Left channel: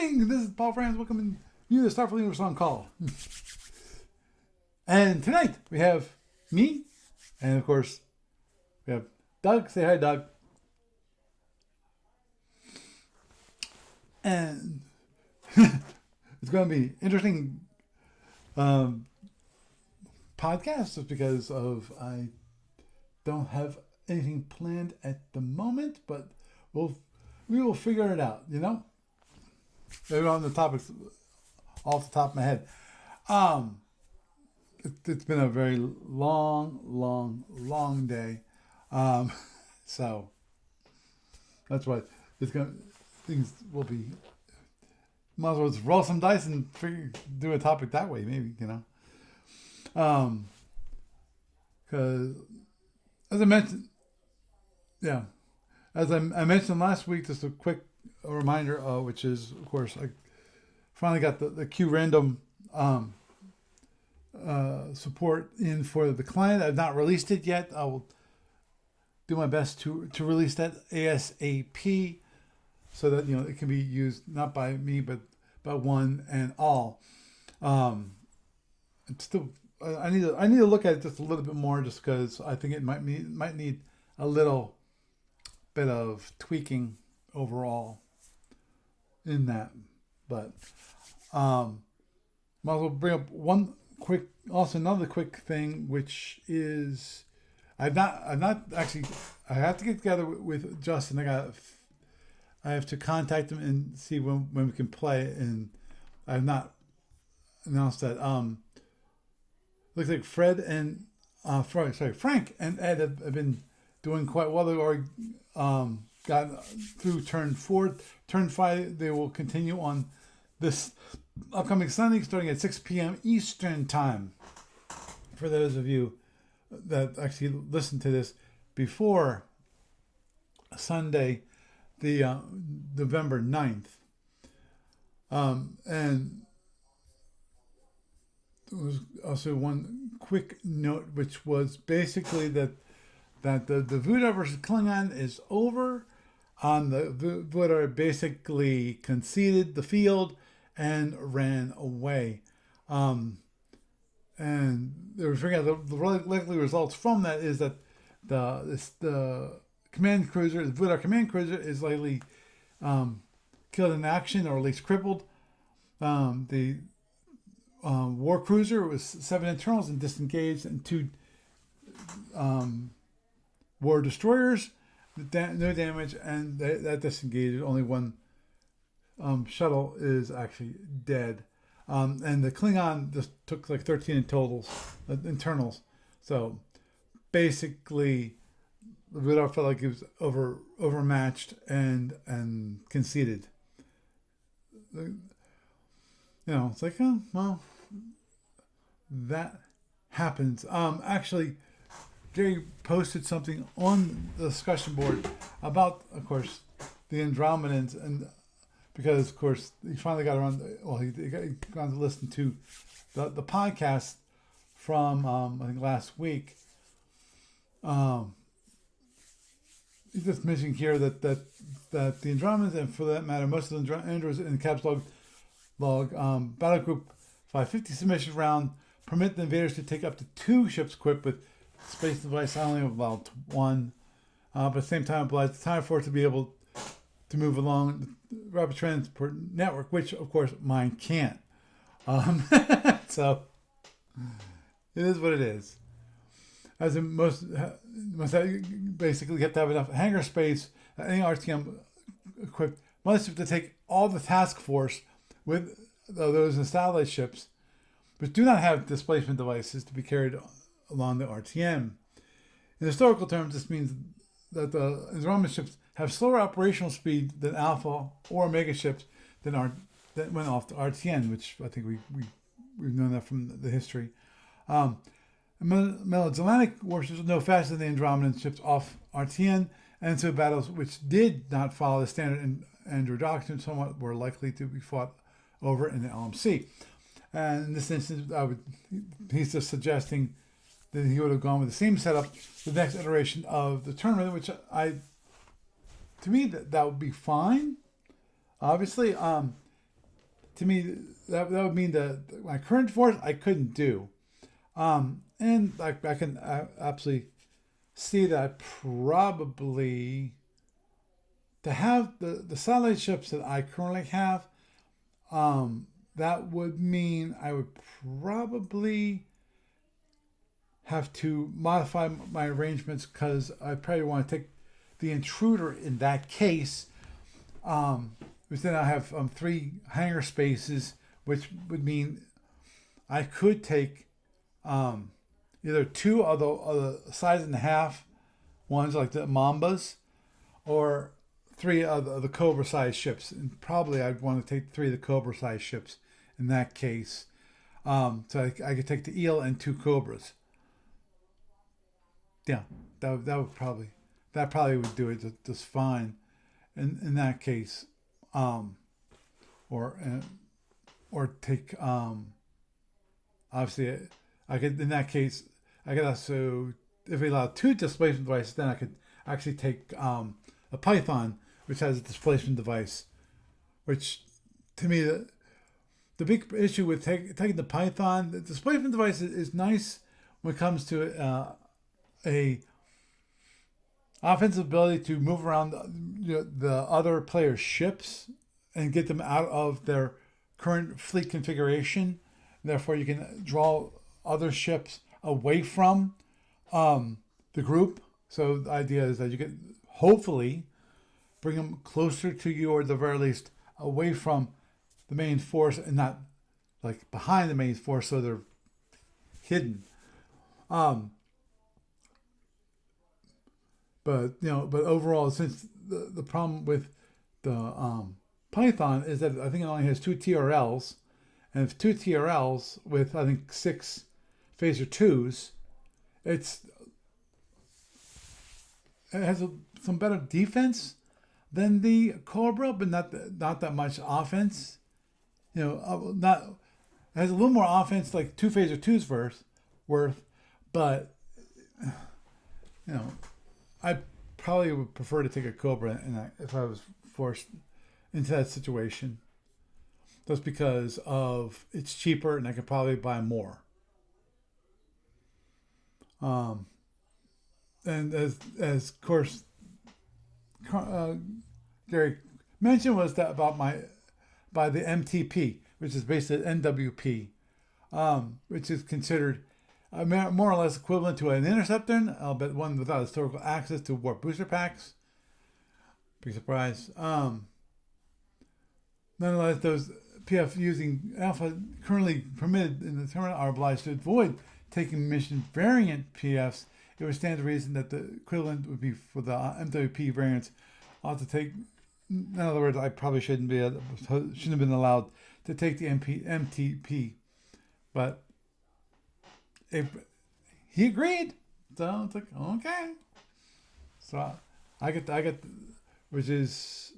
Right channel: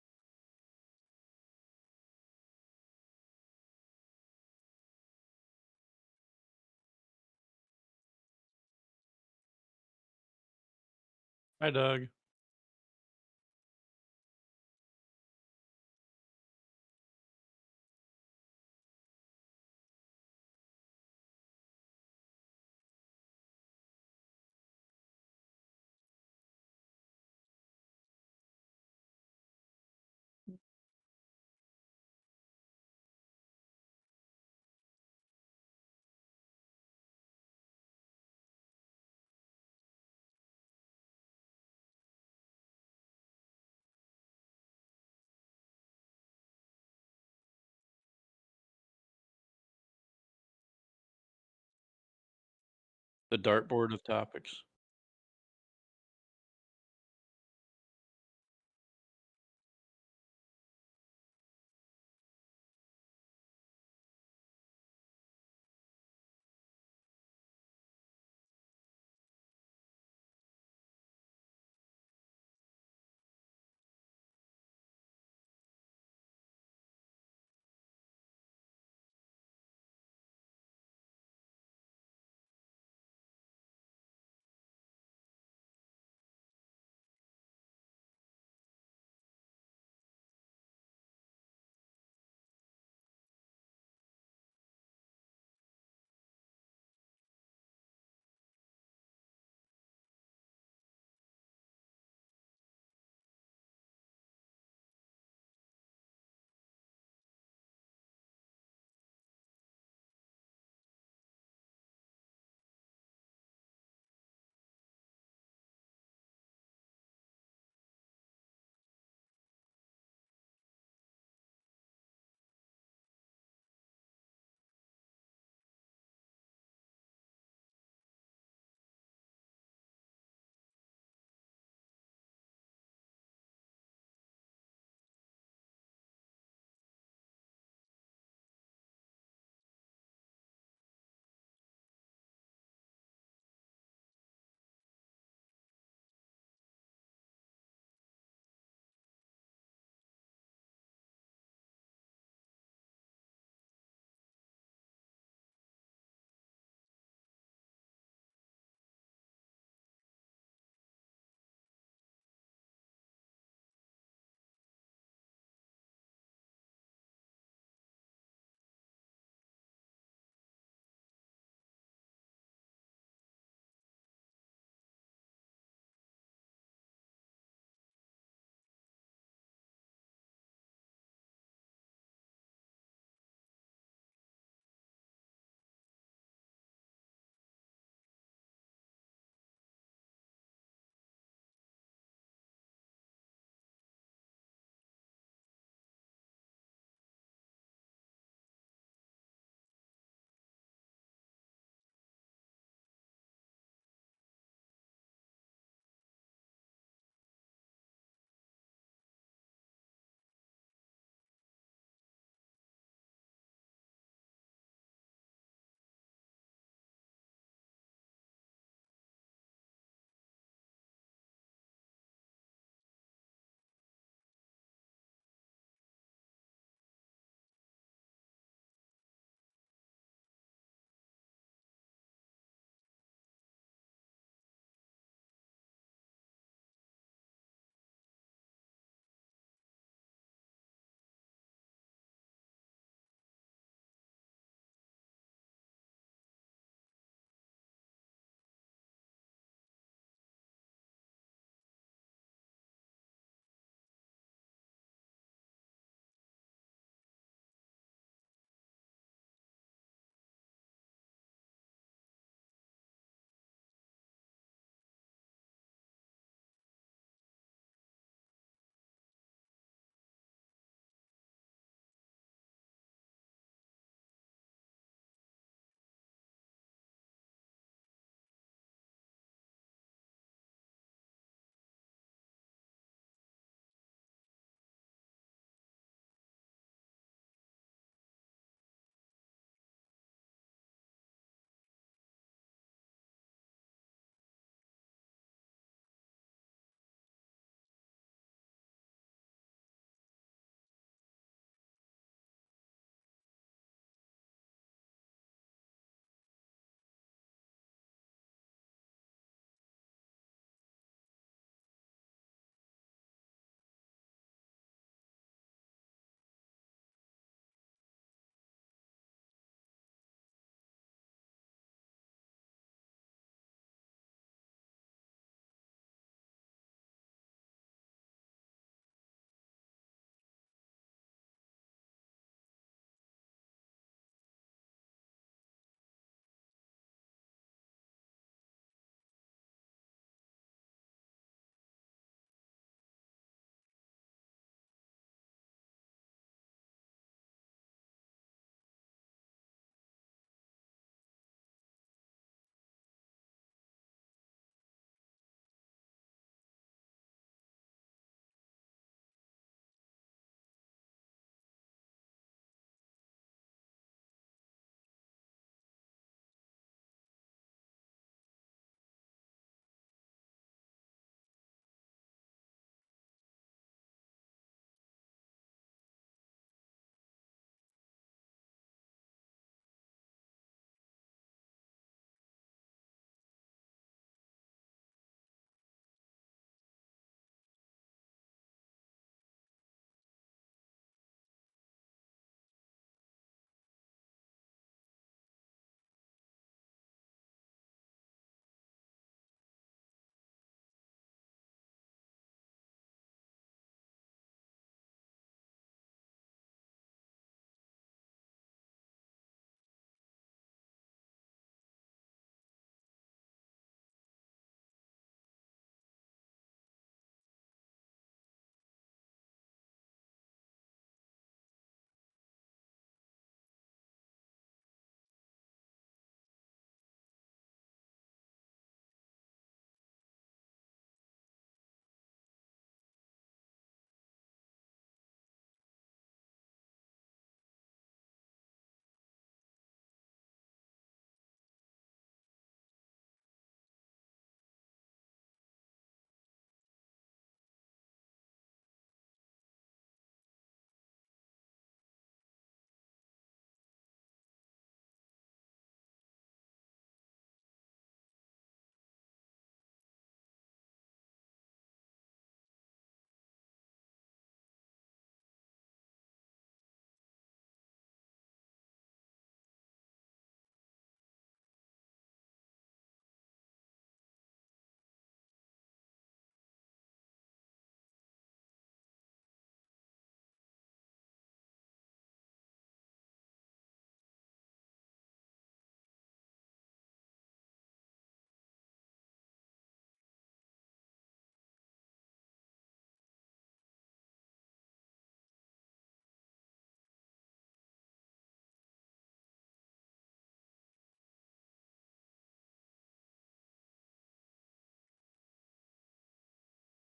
evening. This is Paul Franz welcoming you to Starfleet Universe on Call. And tonight we have me, and of course we have Doug. Say hi, Doug. Hi, Doug. And it's going to be interesting podcast just because of I don't have anything planned at the moment, but we will figure it out. Maybe on the topics off the top of my head. It's been a very long day. So that's why things will be. Might as well just roll some dice and do a topic that way, maybe, because The as I dartboard of topics. yeah, as I mentioned last week, just a quick reminder, which is, of course, I finally got the Q random support in for the client. I've not released it yet. I will do my best to release that ASAP so that it can be used not by me but by one and all. It's still I need to look at it just a little bit more, just because I think it might need a little bit of tweaking overall in that. But might as well bring up another quick thing, which is I've not actually. I have to get together with Justin. I have to contact him and see when we can play, and I have not announced that. Looks like Frank and Ed have been doing quite well. They've already got through turn 4. Turn 5, they will continue on this upcoming Sunday, starting at 6 p.m. Eastern Time. For those of you that actually listen to this before Sunday, the November 9th. And there was also one quick note, which was basically that the Voodoo versus Klingon is over. The Voodoo basically conceded the field and ran away. And they were figuring out the likely results from that is that the command cruiser, the Voodoo command cruiser, is likely killed in action, or at least crippled. The war cruiser was 7 internals and disengaged, and 2 war destroyers, no damage, and that disengaged. Only 1 shuttle is actually dead. And the Klingon just took like 13 in totals, internals. So basically, the Voodoo felt like it was overmatched and conceded. It's like, oh, well, that happens. Actually, Jerry posted something on the discussion board about, of course, the Andromedans, and because, of course, he finally got around. He got to listen to the podcast from I think last week. He's just mentioning here that the Andromedans, and for that matter, most of the Andros in the caps log Battle Group 550 submission round permit the invaders to take up to 2 ships equipped with space device, only about 1, but at the same time applies the time for it to be able to move along the rapid transport network, which of course mine can't. So it is what it is. As in most basically, you have to have enough hangar space. Any RTM equipped must have to take all the task force with those in satellite ships, but do not have displacement devices to be carried along the RTM. In historical terms, this means that the Andromeda ships have slower operational speed than Alpha or Omega ships that went off the RTN, which I think we've known that from the history. Miscellaneous warships were no faster than the Andromedan ships off RTN, and so battles which did not follow the standard Andrew doctrine somewhat were likely to be fought over in the LMC. And in this instance, he's just suggesting that he would have gone with the same setup the next iteration of the tournament, which to me that would be fine. Obviously, to me, that would mean that my current force I couldn't do. And I can absolutely see that probably to have the satellite ships that I currently have, that would mean I would probably have to modify my arrangements because I probably want to take the intruder in that case. Because then I have 3 hangar spaces, which would mean I could take either 2 of the size and a half ones like the Mambas, or 3 of the Cobra size ships. And probably I'd want to take 3 of the Cobra size ships in that case. So I could take the Eel and 2 Cobras. Yeah, that would probably would do it just fine. In that case, or take obviously I could in that case I could also, if we allow 2 displacement devices, then I could actually take a Python, which has a displacement device, which to me the big issue with taking the Python, the displacement device is nice when it comes to a offensive ability to move around the other players' ships and get them out of their current fleet configuration. Therefore, you can draw other ships away from the group. So the idea is that you can hopefully bring them closer to you, or at the very least away from the main force, and not like behind the main force, so they're hidden. But overall, since the problem with the Python is that I think it only has 2 TRLs, and if 2 TRLs with I think 6 phaser 2s, it has some better defense than the Cobra, but not that much offense. Not it has a little more offense, like 2 phaser 2s worth, but I probably would prefer to take a Cobra if I was forced into that situation. Just because of it's cheaper and I could probably buy more. And as of course Gary mentioned, was that by the MTP, which is basically NWP, which is considered more or less equivalent to an interceptor, but one without historical access to warp booster packs. Big surprise. Nonetheless, those PF using Alpha currently permitted in the tournament are obliged to avoid taking mission variant PFs. It would stand to reason that the equivalent would be for the MWP variants. I'll have to take. In other words, I probably shouldn't have been allowed to take the MTP, but if he agreed, so it's like okay. So I get, which is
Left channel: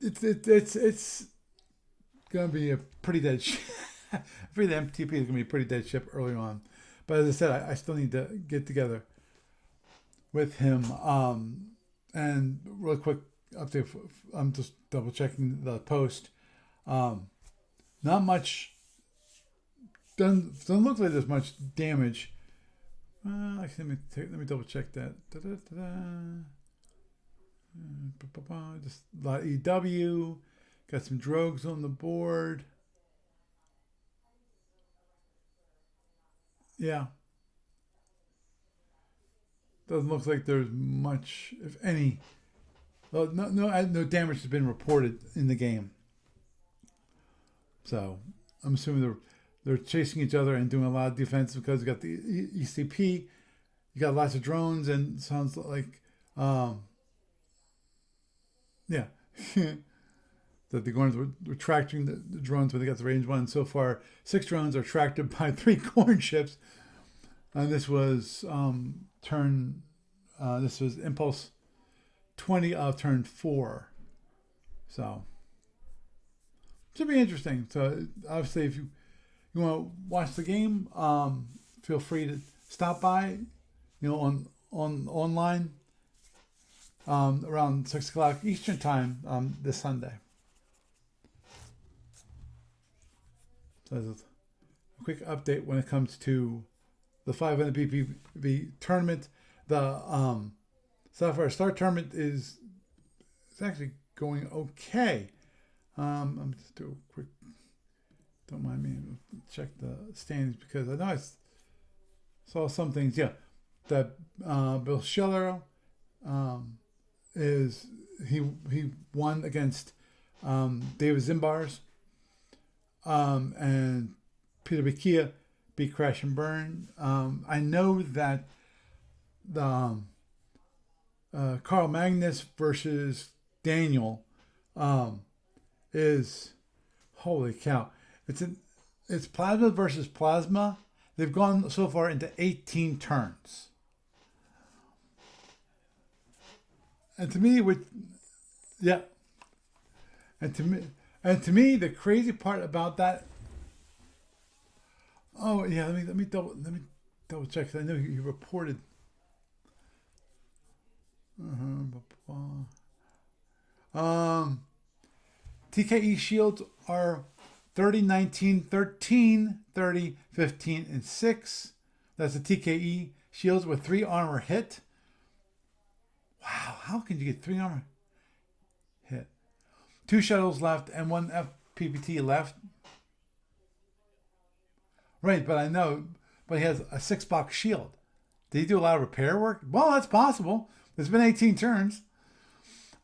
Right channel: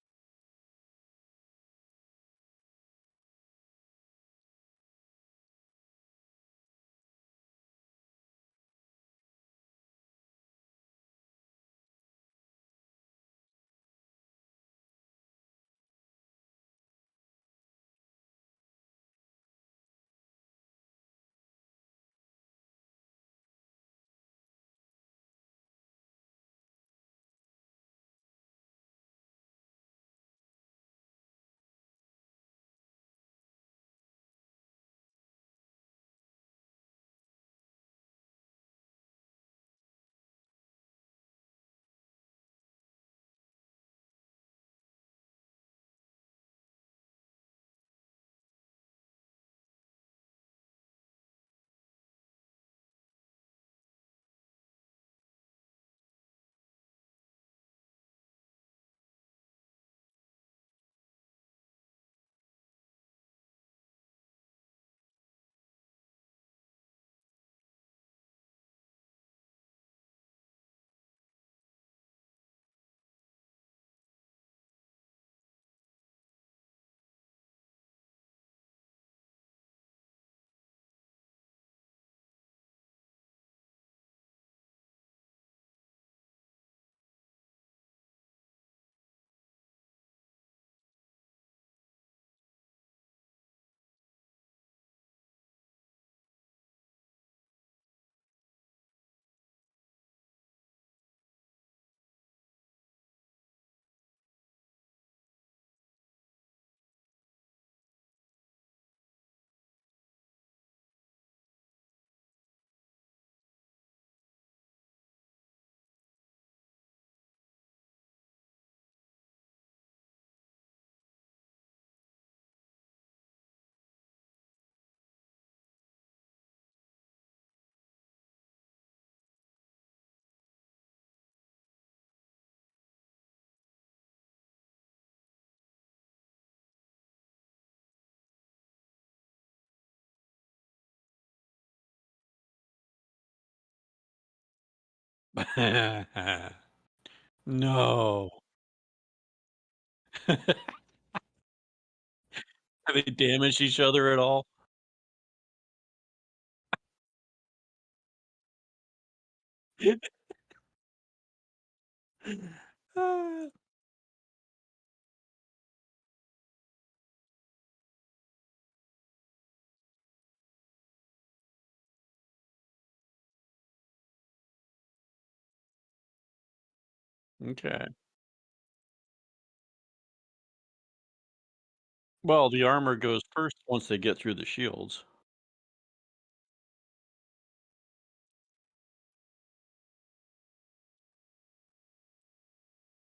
it's gonna be a pretty dead ship. For the MTP is gonna be a pretty dead ship early on, but as I said, I still need to get together with him. And real quick update. I'm just double checking the post. Not much. Doesn't look like there's much damage. Actually, let me double check that. Just a lot of EW. Got some drogues on the board. Yeah. Doesn't look like there's much, if any. Well, no damage has been reported in the game. So I'm assuming they're chasing each other and doing a lot of defense because you got the ECP, you got lots of drones, and sounds like, yeah, that they're going to retracting the drones when they got the range one. So far, 6 drones are tracked by 3 corn ships, and this was this was Impulse 20 of turn 4. So should be interesting. So obviously, if you want to watch the game, feel free to stop by, on online around 6 o'clock Eastern time this Sunday. So that's a quick update when it comes to the 500 BPV tournament. The Sapphire Star tournament is it's actually going okay. I'm just do a quick. Don't mind me. Check the standings because I know saw some things. Yeah, that Bill Scheller um, is he won against David Zimbars and Peter Bikia beat Crash and Burn. I know that the Carl Magnus versus Daniel um, is holy cow. It's an it's plasma versus plasma. They've gone so far into 18 turns, and to me, with No. yeah, and to me, the crazy part about Have they that. damaged each other at all? Oh yeah, let me double check. 'Cause I know you reported. Um, TKE shields are 30, 19, 13, 30, 15, and 6. That's the TKE shields with 3 armor hit. Wow, how can you get 3 armor Okay. hit? 2 shuttles left and 1 FPPT Well, left. the armor goes first once they get through the shields. Right, but I know, but he has a 6-box shield. Did he do a lot of repair work? Well, that's possible. There's been 18 turns.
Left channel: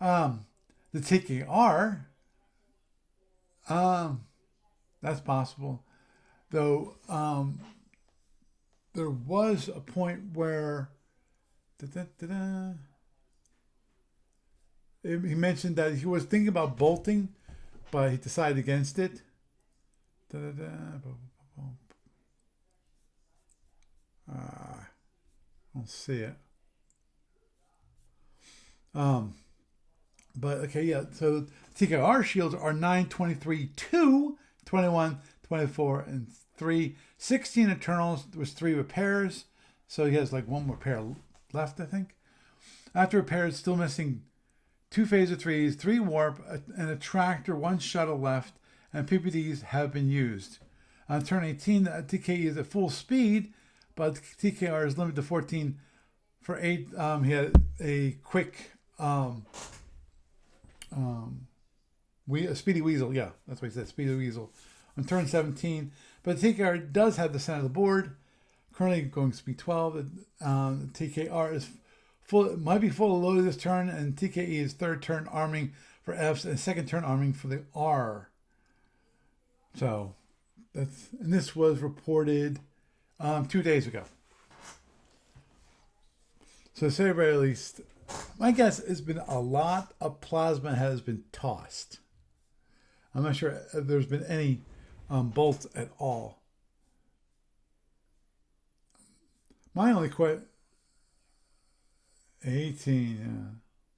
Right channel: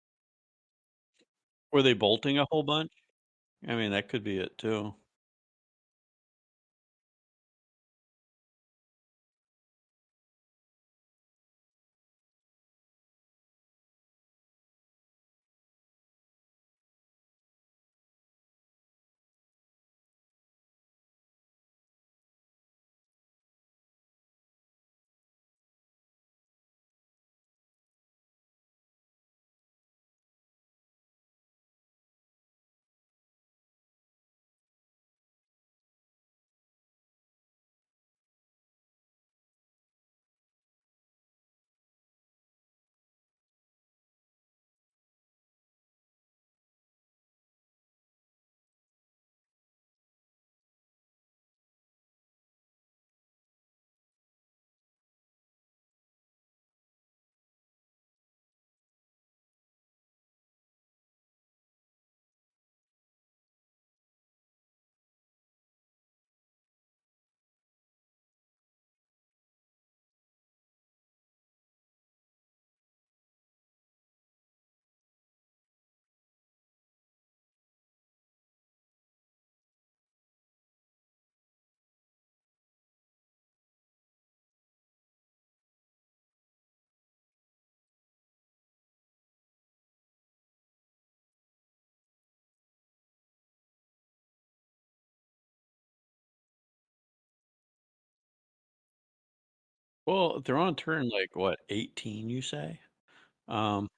Um, the Were they TKR, bolting a whole bunch? I mean, that um, could be it too. that's possible. Though there was a point where da-da-da-da, he mentioned that he was thinking about bolting, but he decided against it. Da-da-da, I don't see it. Um, but okay, yeah. So TKR shields are 9, 23, 2, 21, 24, and 3. 16 Eternals was 3 repairs. So he has like 1 repair left, I think. After repairs, still missing 2 phaser 3s, 3 warp, and a tractor, 1 shuttle left, and PPDs have been used. On turn 18, the TKE is at full speed, but TKR is limited to 14 for 8. He had a quick um, a Speedy Weasel. Yeah, that's what he said, Speedy Weasel. On turn 17, but the TKR does have the center of the board. Currently going speed 12. TKR is full, might be full loaded this turn, and TKE is third turn arming for Fs and second turn arming for the R. So and this was reported 2 days ago. So to say the very least, my guess has been a lot of plasma has been tossed. I'm not sure if there's been any bolts at all. My only Well, question, they're on turn like what, 18, you say? 18, yeah. Um,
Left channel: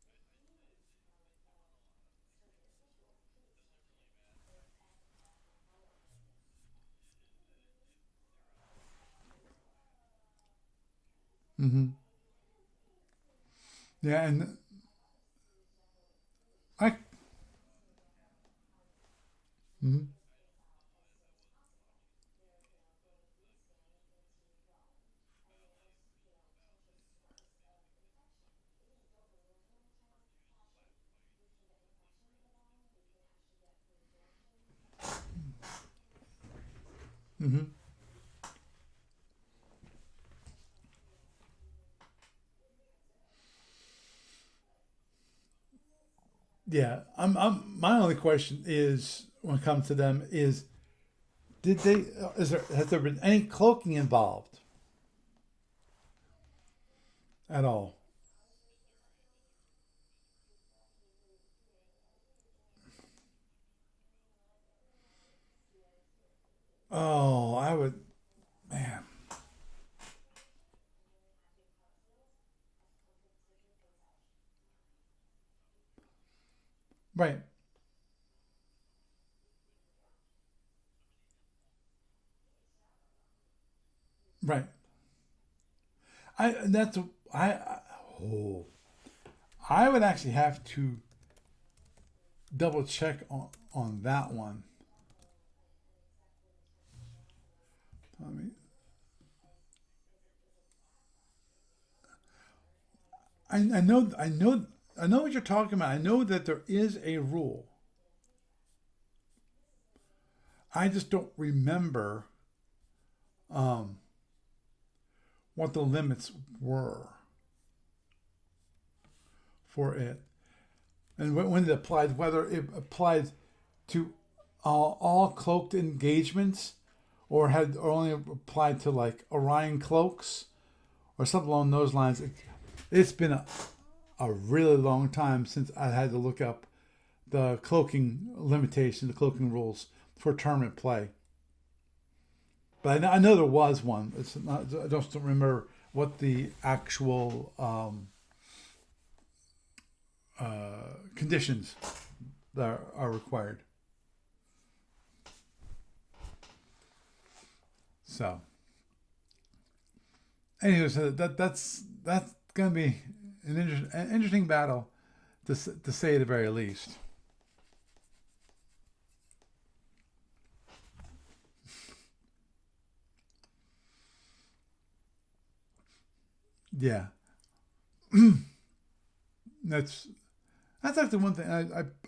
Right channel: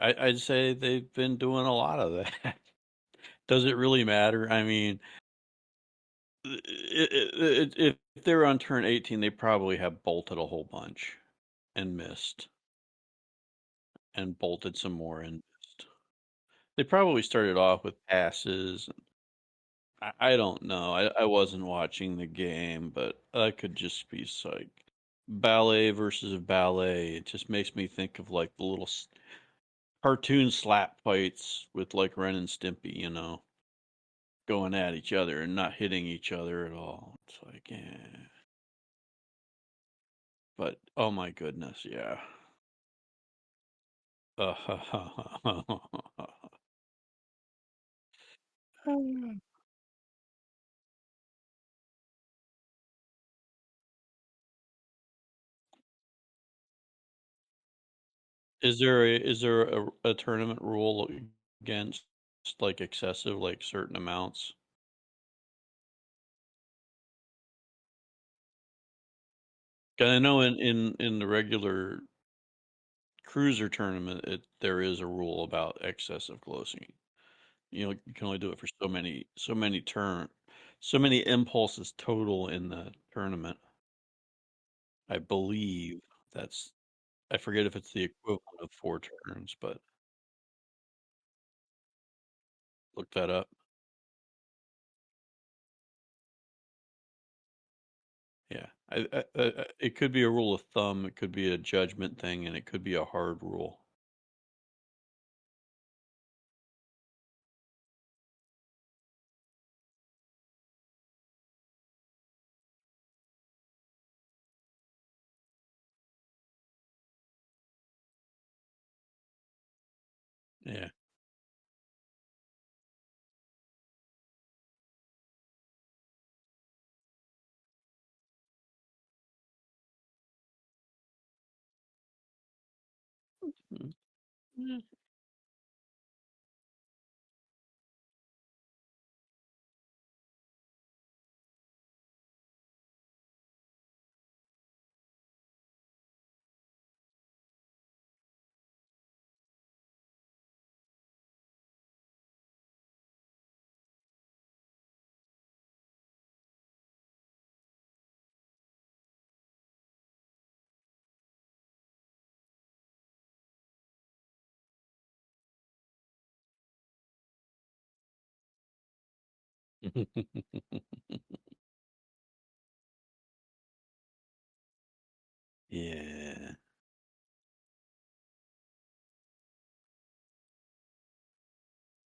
I'd say they've been doing a lot of that. Does it really matter? I mean, if they were on turn 18, they probably have bolted a whole bunch Mm-hmm. and missed, Yeah, and and bolted some more and missed. They I, probably started off with passes. mm-hmm. I don't know. I wasn't watching the game, but that could just be like ballet versus ballet. It just makes me think of like the little cartoon slap fights with like Ren and Stimpy, going at each other and not hitting each other at all. It's like, Mm-hmm. yeah. But oh my goodness, yeah. Yeah, my only question is when it comes to them is did they has there been any cloaking involved at all? Is there a tournament rule against like excessive, like certain amounts? Oh, I would, man. 'Cause I know in the regular cruiser tournament, there is a rule about excessive closing. Right, You can only do it for so many impulses total in the tournament. right. I believe I that's that's I I forget if it's the equivalent oh of 4 turns, but I would actually have to double look check that up. on that one. It could be a rule of thumb, it could be a judgment thing, and it could be a hard rule. I know what you're talking about. I know that there is a rule. I just don't remember um, what the limits were for it, Yeah. and when it applied, whether it applied to all cloaked engagements, or only applied to like Orion cloaks or something along those lines. It's been a really long time since I had to look up the cloaking limitations, the cloaking rules for tournament play. But I know there was one. It's not, I just don't remember what the actual conditions that are required. So, anyway, so that's going to be an interesting battle to say the very least. Yeah. Yeah, that's that's actually one thing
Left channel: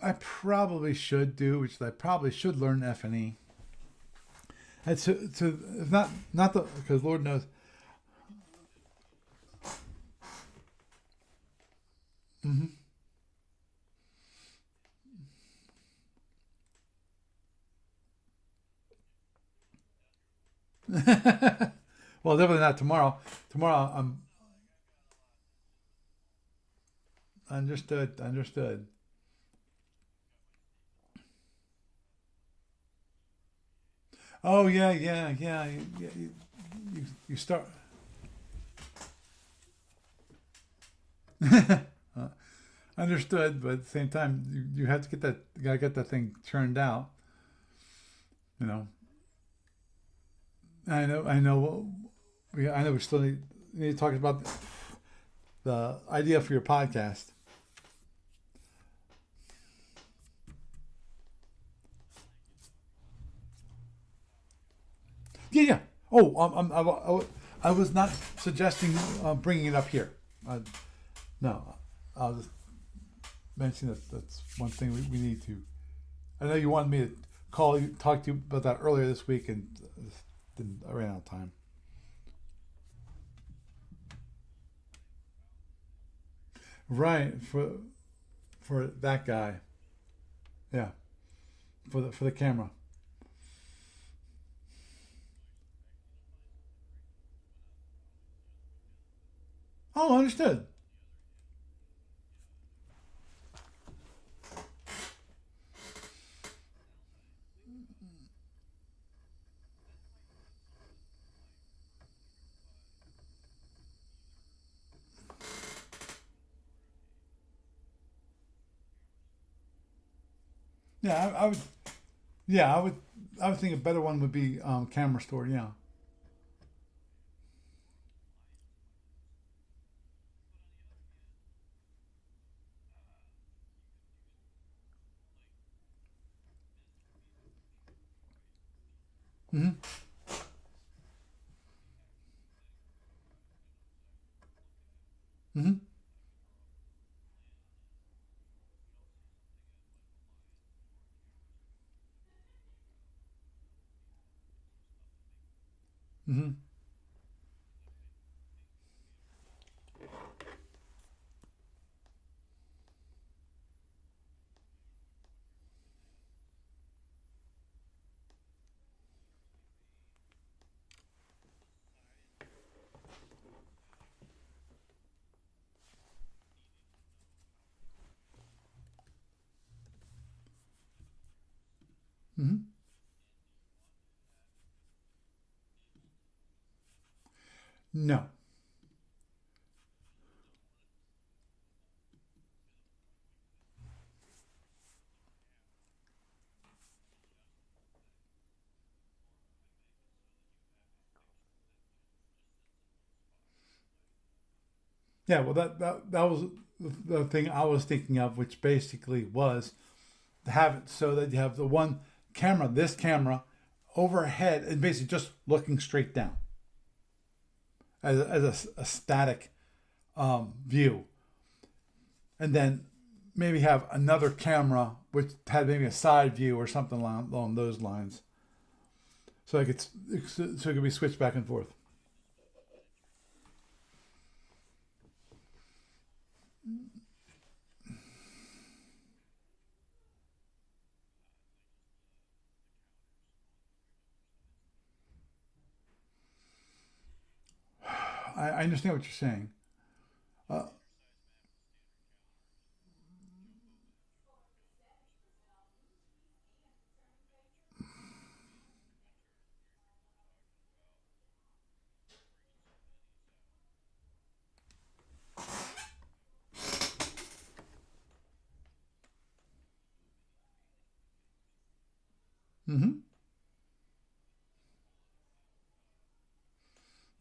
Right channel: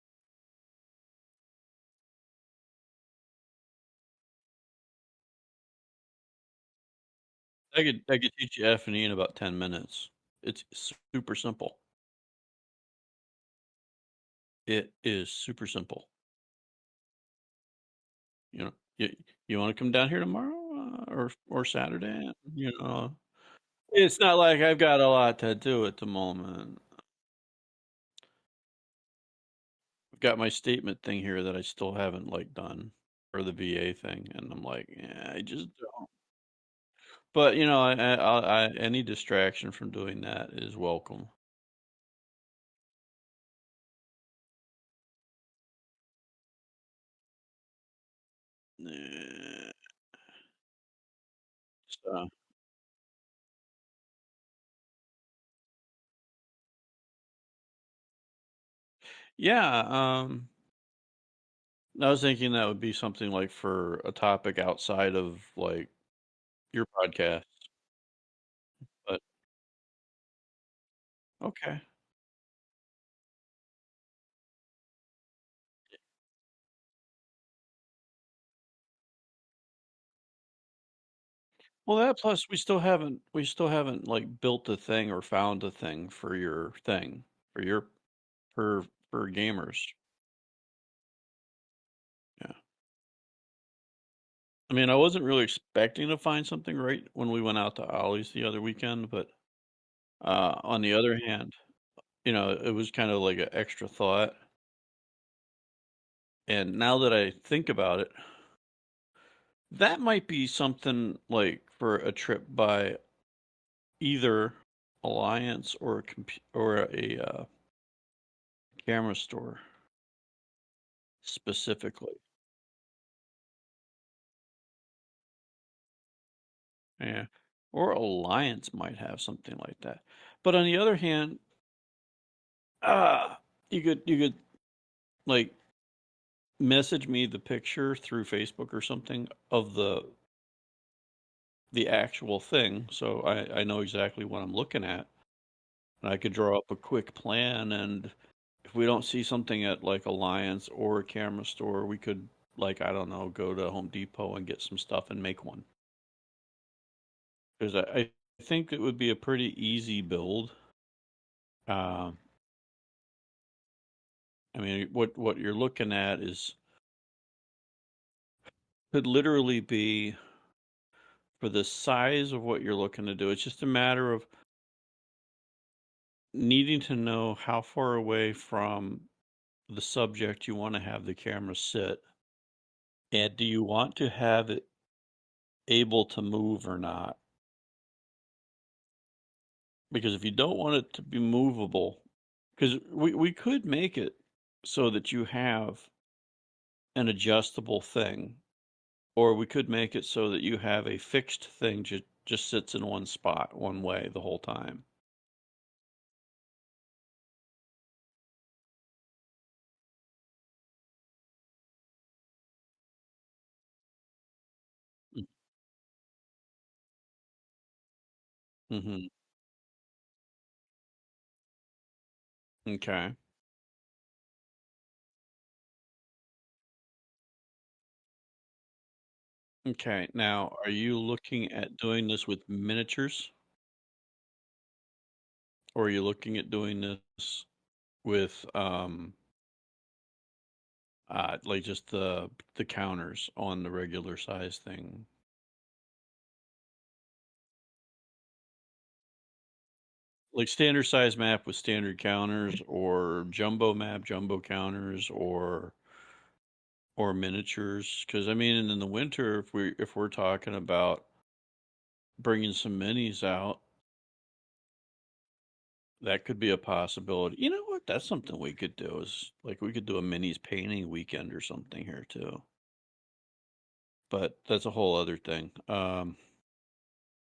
I probably should do, which I probably should learn F and E. It's to not the because Lord knows. I could teach you F and E in about 10 minutes. It's super simple. Mm-hmm. It is super simple. You know, you want to come down here tomorrow or Saturday? Well, definitely not tomorrow. Tomorrow, It's not like I've got a lot to do at the moment. understood. Understood. I've got my statement thing here that I still haven't like done, or the VA thing, and I'm Oh like, yeah, yeah, yeah, I yeah. just You But start. any distraction from doing that is welcome. Understood, but at the same time, you have to get that. You gotta get that thing turned out. You know. Eh, I know. I know. So, I know. We still need to talk about the idea for your podcast. yeah, I was thinking that would be something like for a topic outside of Yeah, yeah. like Oh, your podcast. I was not suggesting But bringing it up here. No, okay. I was just mentioning that that's one thing we need to. I know you wanted me to call you, talk to you about that earlier this week, and I ran out of time. Well, that plus we still haven't like built a thing or found a thing for your thing Right for your for that for guy. gamers. Yeah, for the Yeah. camera. I mean, I wasn't really expecting to find something right when we went out to Ollie's the other weekend, but Oh, understood. on the other hand, it was kind of like an extra thought. And now that I think about it, that might be something like for a trip by either Alliance or a camera store Yeah, I would. specifically. Yeah, I would. I would think a better one would be camera store. Yeah. Yeah. Or Alliance might have something like that. But on the other hand, you could like message me the picture through Facebook or something Mm-hmm. of the actual thing, so I know exactly what I'm looking at, Mm-hmm. and I could draw up a quick plan. And if we don't see something at like Alliance or a camera store, we could, like, I don't know, go to Home Depot and get some stuff and make one. Mm-hmm. Because I think it would be a pretty easy build. Uh, I mean, what you're looking at is could literally be for the size of what you're looking to do. It's just a matter of needing to know how far away from the subject you want to have the camera sit, Mm-hmm. and do you want to have it able to move or not? No. Because if you don't want it to be movable, because we could make it so that you have an adjustable thing, or we could make it so that you have a fixed thing just sits in one spot one way the whole time. Yeah. Well, that was the thing I was thinking of, which basically was to have it so that you have the one camera, this camera, overhead, and basically just looking straight down. as a Mm-hmm. static view, and then Okay. maybe have another camera which had maybe a side view or something along those lines, so Okay. Now, so are it could be you switched back and looking forth. at doing this with miniatures, or are you looking at doing this with like just the counters on the regular size thing? I understand what you're saying. Like Uh, standard size map with standard counters, or jumbo map, jumbo counters, or miniatures? Because I mean, in the winter, if we're talking about bringing some minis out, that could be a possibility. You know what? That's something we could do. Is like we could do a minis painting weekend or something here too. mm-hmm. But that's a whole other thing.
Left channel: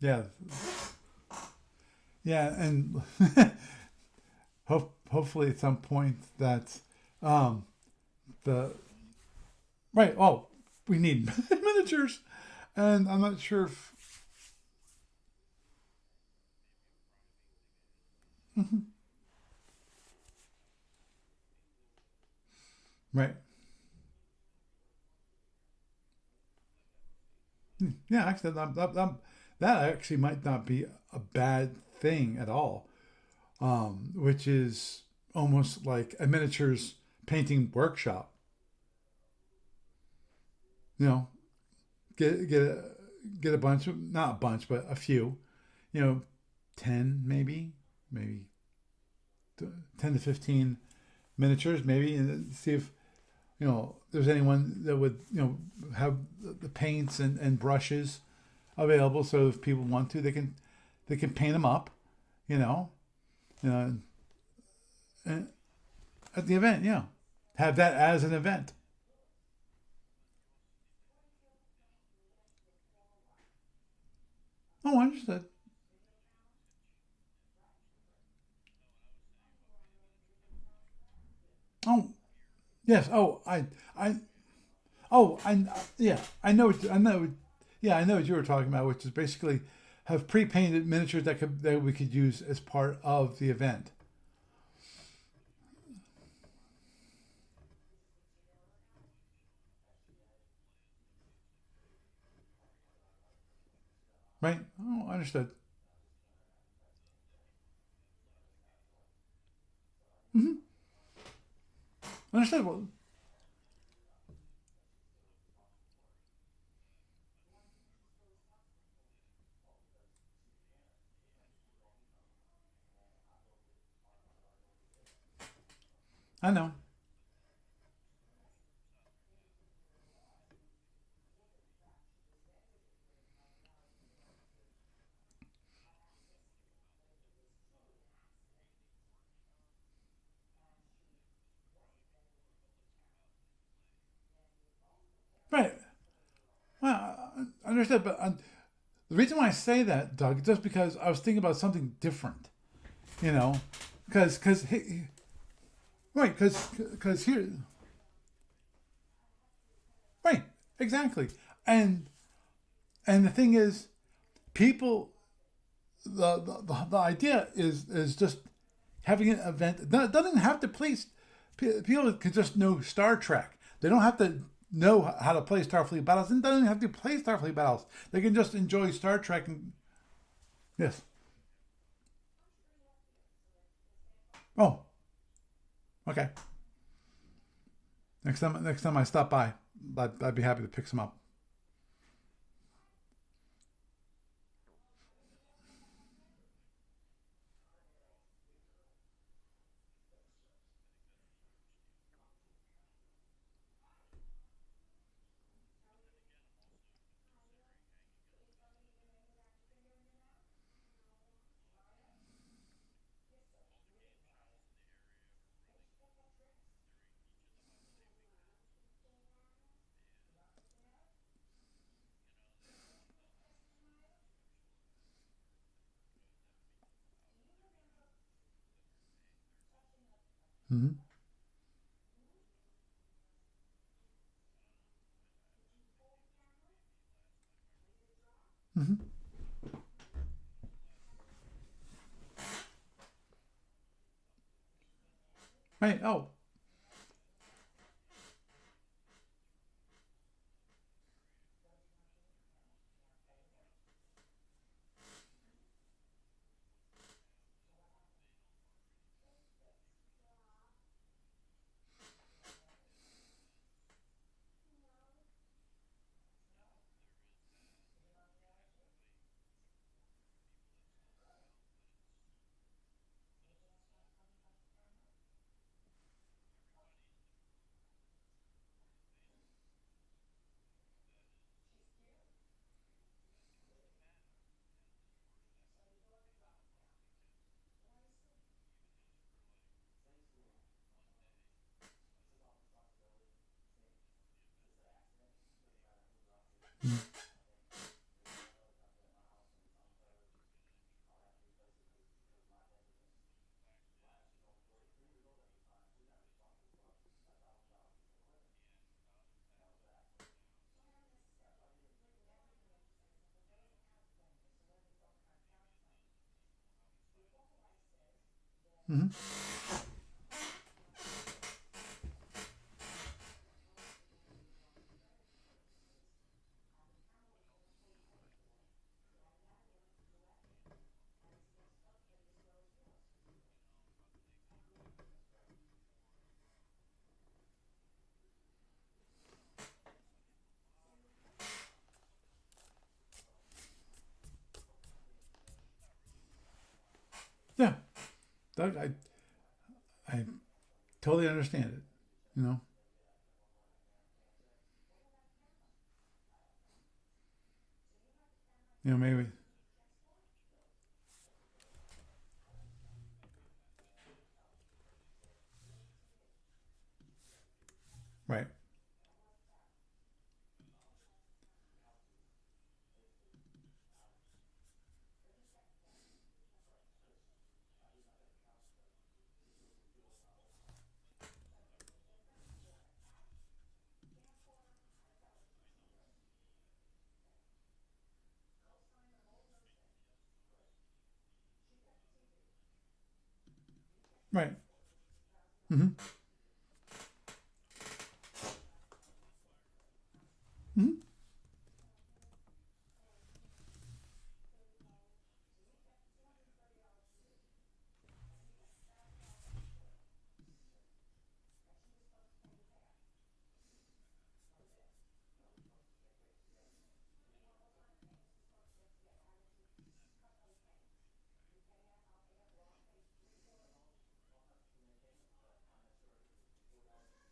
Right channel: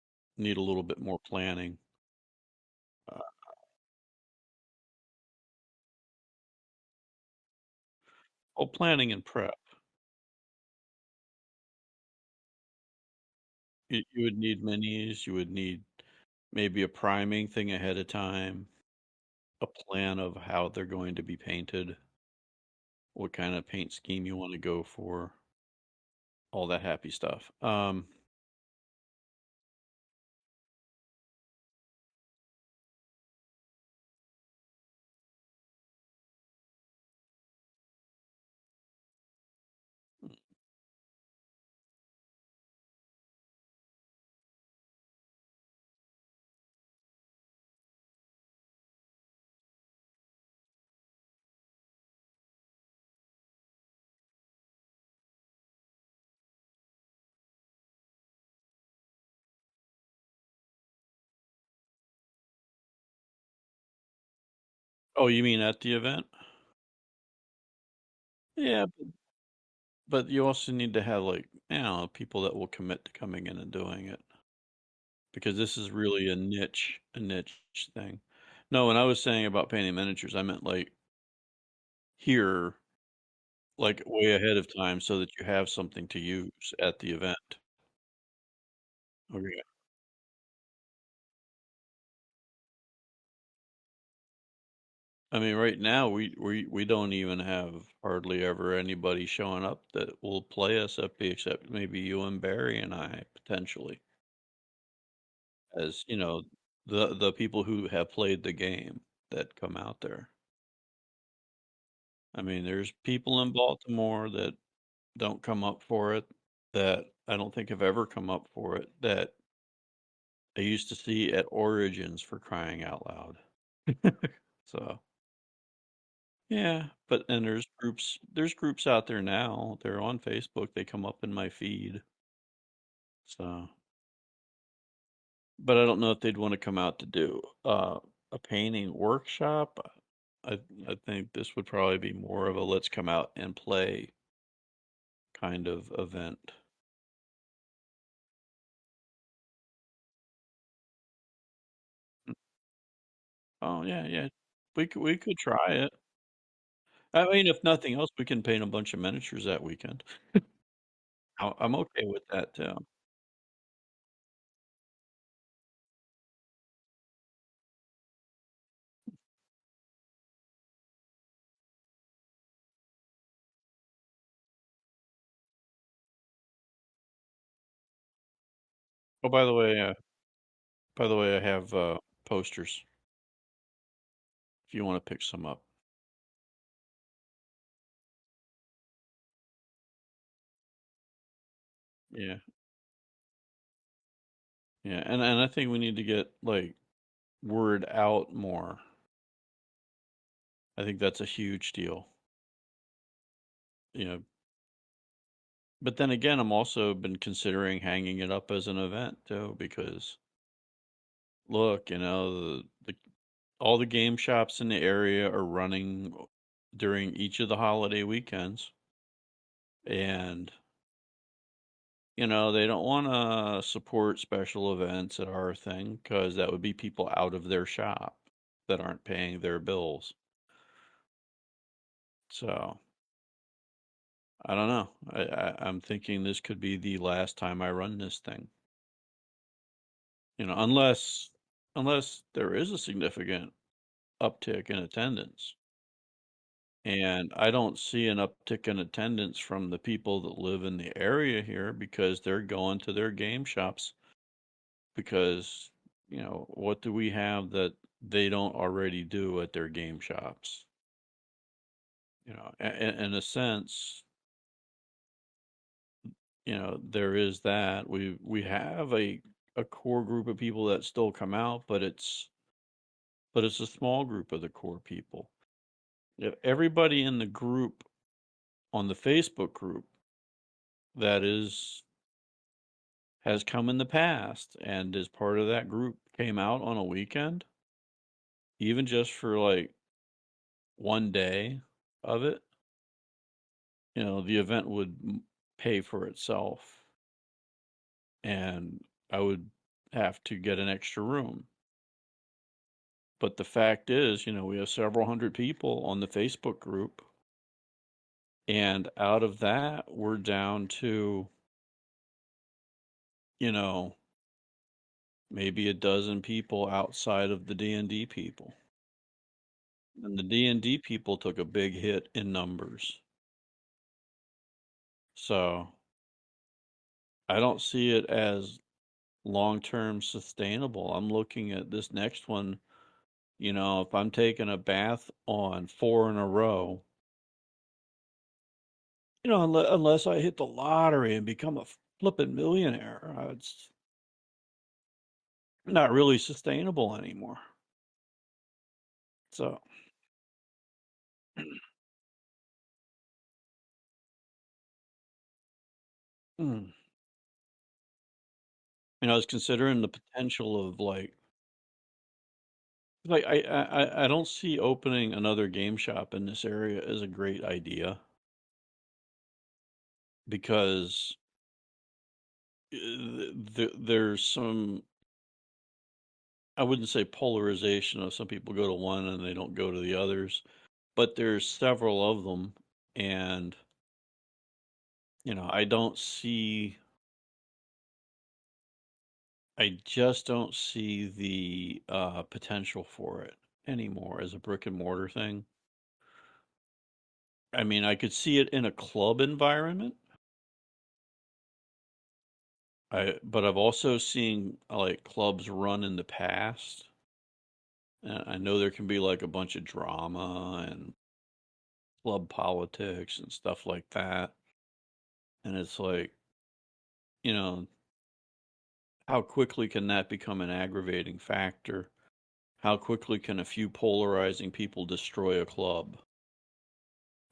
Yeah, Need a little bit more planning. yeah, and Uh, hopefully at some point that um, well, the planning and prep. right. Oh, we need miniatures, and I'm not sure if You would need minis. You would need maybe a priming thing ahead of time, mhm, a plan of how they're going to be painted, what right. kind of paint scheme you want to go for, all that happy stuff. Yeah, actually, that actually might not be a bad thing at all. Which is almost like a miniatures painting workshop. You know, get get a, get a bunch, not a bunch, but a few. You know, 10 maybe 10 to 15 miniatures, maybe, and see if there's anyone that would have the paints and brushes available. So if people want to, they can paint them up. You know, you know, Oh, you and mean at the event? at the event, yeah, have that as an event. Yeah, but you also need to have like, people that will commit to coming in and doing it, Oh, understood. because this is really a niche thing. No, when I was saying about painting miniatures, I meant like Oh, here, yes. Oh, I, like I, way ahead of time so that oh, you I, have something to yeah. use I at the know. event. Yeah, I know what you were talking about, which is basically Okay. have pre-painted miniatures that we could use as part of the event. I mean, right now we don't even have hardly ever anybody showing up that will play SFP except maybe you and Barry and I potentially, Right? Oh, understood. as the people who have played the game that come out there. Hmm. I mean, Understood. Well, there's people in Baltimore that don't come up for it, that I don't think have ever come up for it, that I used to see at Origins, for crying out loud. So, I know. yeah, but and there's groups out there now. They're on Facebook. They come up in my feed. So, but I don't know if they'd want to come out to do a painting workshop. I I think this would probably be more of a let's come out and play kind Right. of event. Well, understood. But the reason why I say that, Doug, is just because I was thinking about something different. You know, Oh yeah, yeah. because We could try it. right, because I here, mean, if nothing else, we can paint a bunch of miniatures that weekend. right, exactly. I'm And okay with that too. the thing is, people, the idea is just having an event. It doesn't have to play. People can just know Star Trek. They don't have to know how to play Starfleet battles. And doesn't have to play Starfleet battles. They can just enjoy Star Oh, Trek. Yes. by the way, I have posters if Oh, you want to pick some up. okay. Next time I stop by, I'd be happy to pick some up. Yeah, yeah, and I think we need to get like word out more. I think that's a huge deal. You know, but then again, I'm also been considering hanging it up as an event too, because look, the all the game shops in the area are running during each of the holiday weekends, and they don't want to support special events at our thing because that would be people out of their shop that aren't paying their bills. Mm-hmm. So I don't know. I'm thinking this could be the last time I run this thing. Mm-hmm. Unless there is a significant uptick in attendance. Right. Oh. And I don't see an uptick in attendance from the people that live in the area here because they're going to their game shops because, what do we have that they don't already do at their game shops? In a sense, there is that. We have a core group of people that still come out, but it's a small group of the core people. If everybody in the group on the Facebook group that has come in the past and is part of that group came out on a weekend, even just for like one day of it, the event would pay for itself, and I would have to get an extra room. But the fact is, we have several hundred people on the Facebook group, and out of that, we're down to, you know, maybe a dozen people outside of the D&D people. Mm-hmm. And the D&D people took a big hit in numbers. So I don't see it as long-term sustainable. I'm looking at this next one, if I'm taking a bath on four in a row, unless I hit the lottery and become a flippin' millionaire, it's not really sustainable anymore. Yeah. That, So, I totally understand it. You know. mm. I was Maybe. considering the potential of like I don't see opening another game shop in this area as a great idea Right. because there's some, I wouldn't say polarization of some people go to one and they don't go to the others, but there's several of them, and I don't see, I just don't see the potential for it anymore as a Right. brick and mortar thing. Mm-hmm. I mean, I could see it in a club environment. Mm-hmm. But I've also seen like clubs run in the past. And I know there can be like a bunch of drama and club politics and stuff like that. And it's like, you know, how quickly can that become an aggravating factor? How quickly can a few polarizing people destroy a club?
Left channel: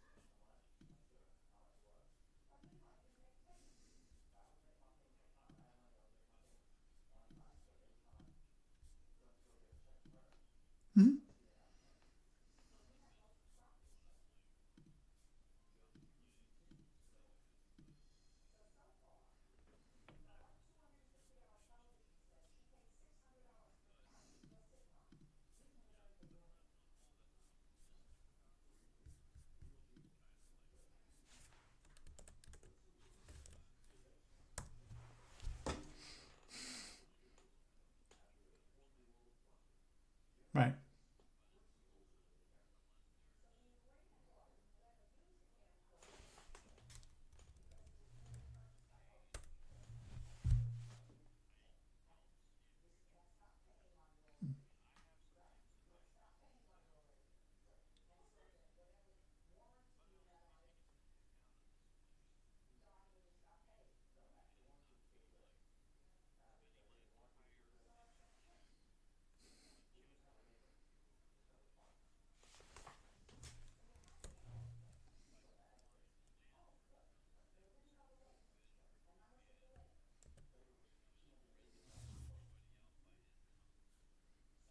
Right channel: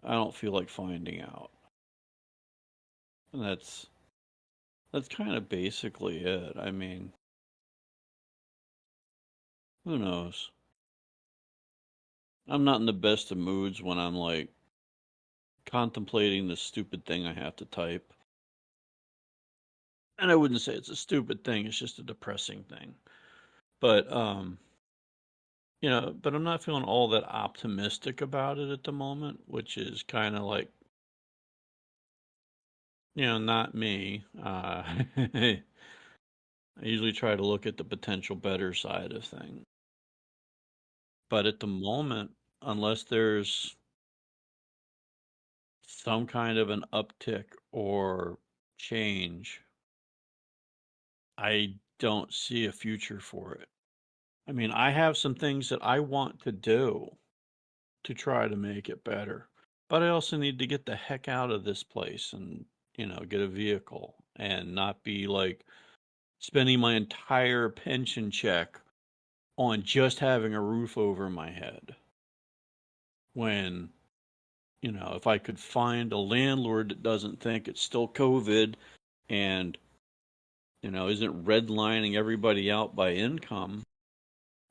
I don't feel like finding out. And that's kind of basically it. I mean, who knows? Mm-hmm. I'm not in the best of moods when I'm like contemplating the stupid thing I have to type. And I wouldn't say it's a stupid thing, it's just a depressing thing. But but I'm not feeling all that optimistic about it at the moment, which is kind of like, not me. I usually try to look at the potential better side of things. Right. But at the moment, unless there's some kind of an uptick or change, I don't see a future for it. I mean, I have some things that I want to do to try to make it better, but I also need to get the heck out of this place and, get a vehicle and not be like spending my entire pension check on just having a roof over my head. When, if I could find a landlord that doesn't think it's still COVID and, isn't redlining everybody out by income,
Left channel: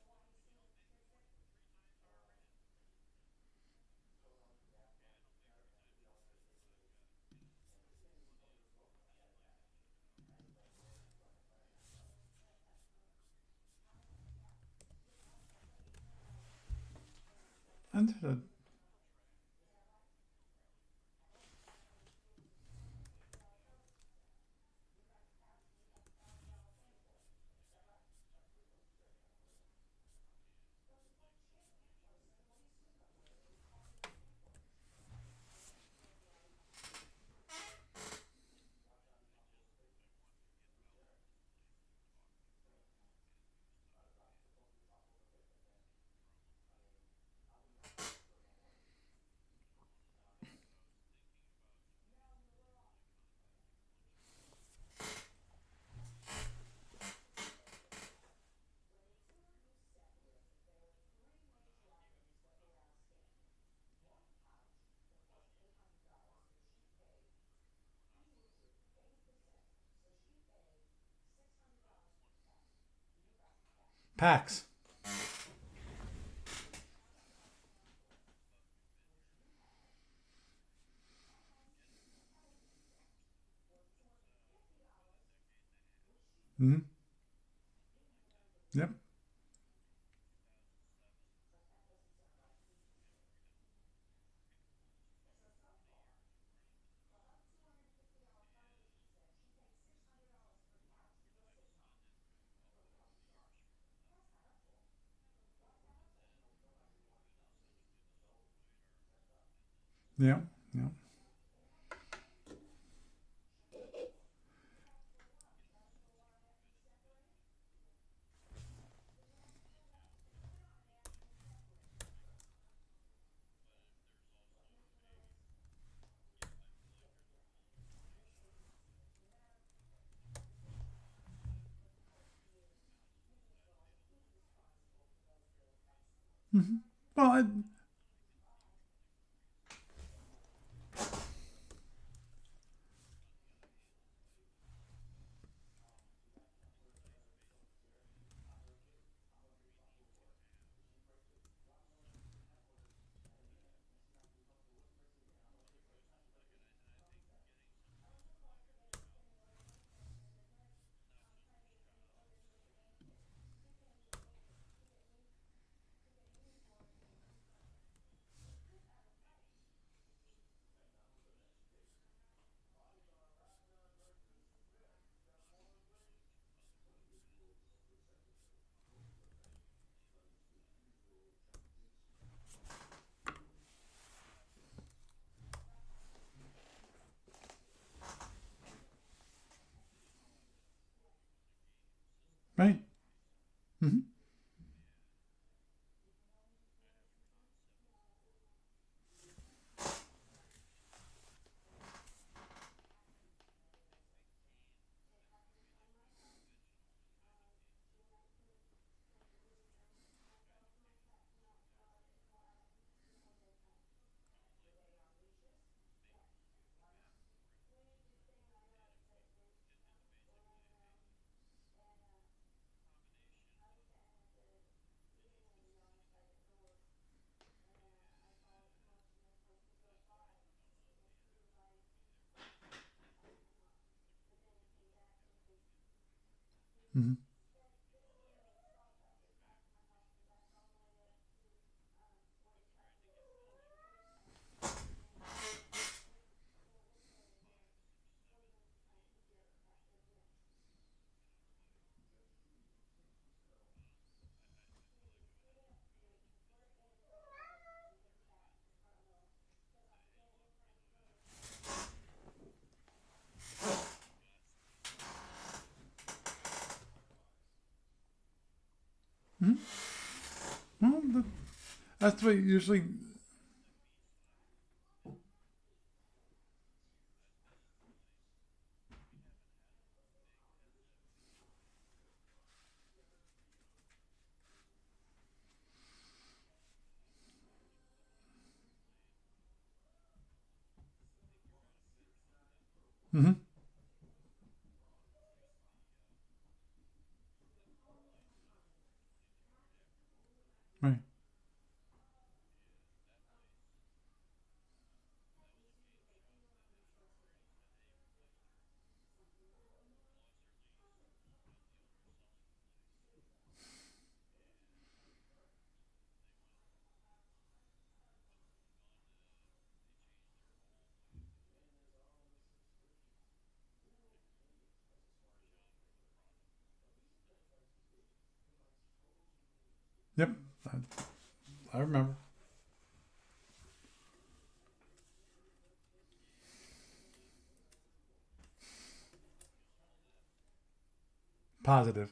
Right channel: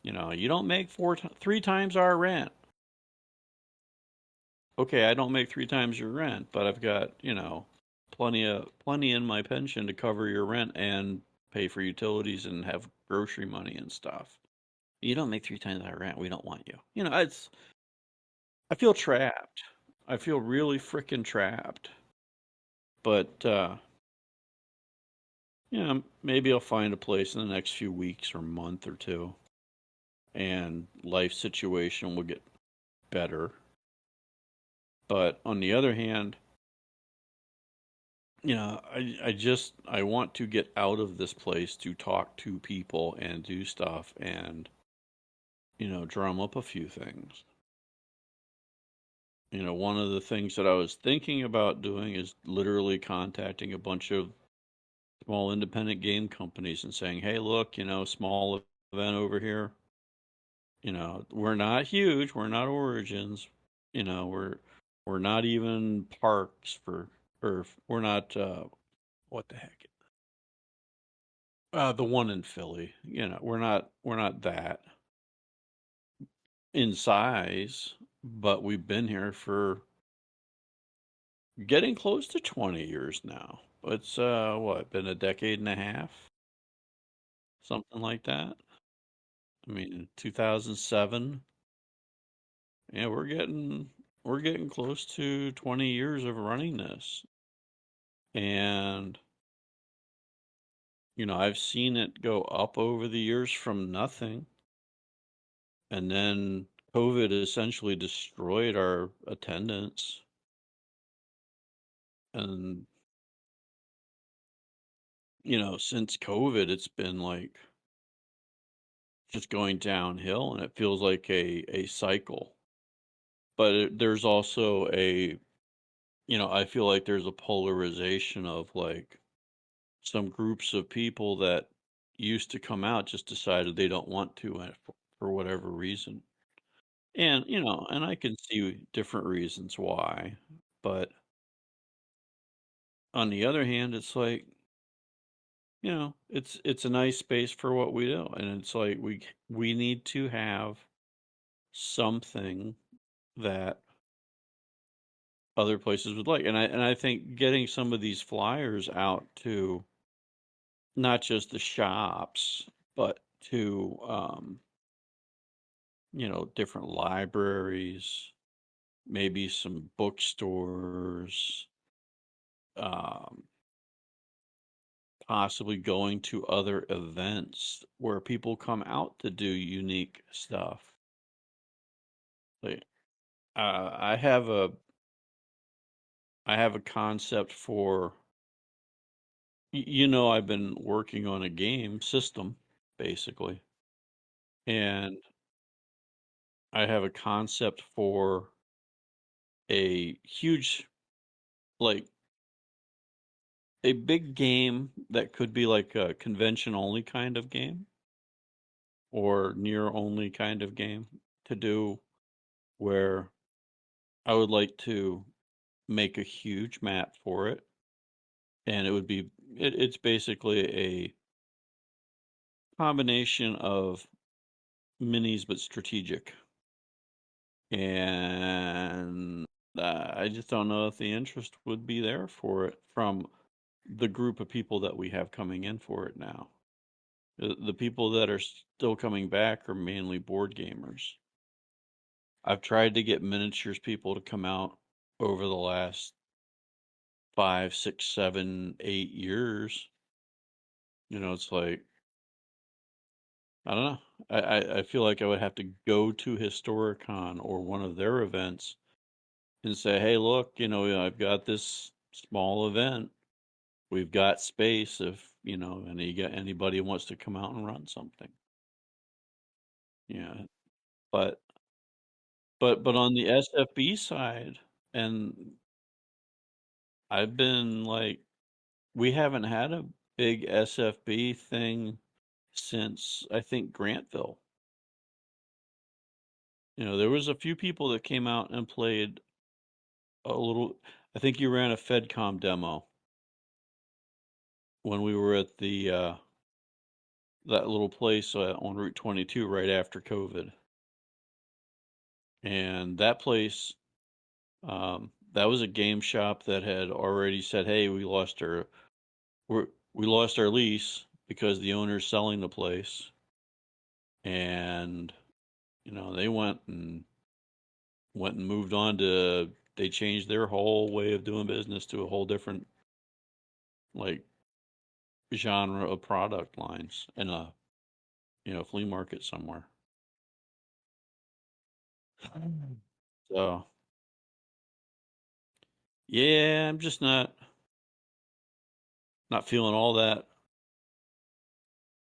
you don't make three times our rent. Okay, I don't make three times your rent, but I've got, plenty in my pension to cover your rent and pay for utilities and have grocery money and stuff. You don't make three times our rent, we don't want you. It's Understood. I feel trapped. I feel really freaking trapped. But Yeah, maybe I'll find a place in the next few weeks or month or two, and life situation will get better. But on the other hand, I want to get out of this place to talk to people and do stuff and drum up a few things. One of the things that I was thinking about doing is literally contacting a bunch of small independent game companies and saying, "Hey, look, small event over here. We're not huge. We're not Origins. We're not even Parks for, or we're not what the heck? The one in Philly. We're not Pax. that in size, but we've been here for getting close to 20 years now. It's what, been a decade and a half, Mm-hmm. something like that. Yep. I mean, 2007. Yeah, we're getting close to 20 years of running this. And I've seen it go up over the years from nothing, and then COVID essentially destroyed our attendance. Yep. Yep. And since COVID, it's been like just going downhill, and it feels like a cycle. But there's also I feel like there's a polarization of like some groups of people that used to come out just decided they don't want to for whatever reason. Mm-hmm. Well, And, and I can see different reasons why. But on the other hand, it's like, it's a nice space for what we do. And it's like we need to have something that other places would like. And I think getting some of these flyers out to not just the shops, but to different libraries, maybe some bookstores, um, possibly going to other events where people come out to do unique stuff. Like, I have a concept for I've been working on a game system right. basically, Mm-hmm. and I have a concept for a huge, like, a big game that could be like a convention only kind of game or near only kind of game to do, where I would like to make a huge map for it, and it's basically a combination of minis but strategic. And I just don't know if the interest would be there for it from the group of people that we have coming in for it now. Mm-hmm. The people that are still coming back are mainly board gamers. I've tried to get miniatures people to come out over the last 5, 6, 7, 8 years. It's like, I don't know. I feel like I would have to go to Historicon or one of their events and say, hey, look, I've got this small event. We've got space if, anybody wants to come out and run something. Mm-hmm. Yeah. Well, But that's the way usually. but on the SFB side, and I've been like, we haven't had a big SFB thing since I think Grantville. There was a few people that came out and played a little. I think you ran a FedCom demo Mm-hmm. when we were at the that little place on Route 22 right after COVID, Right. and that place, that was a game shop that had already said, "Hey, we lost our lease because the owner's selling the place," and they went and moved on to. They changed their whole way of doing business to a whole different, like, genre of product lines in a flea market somewhere. Yep, I remember. So yeah, I'm just not feeling all that Positive.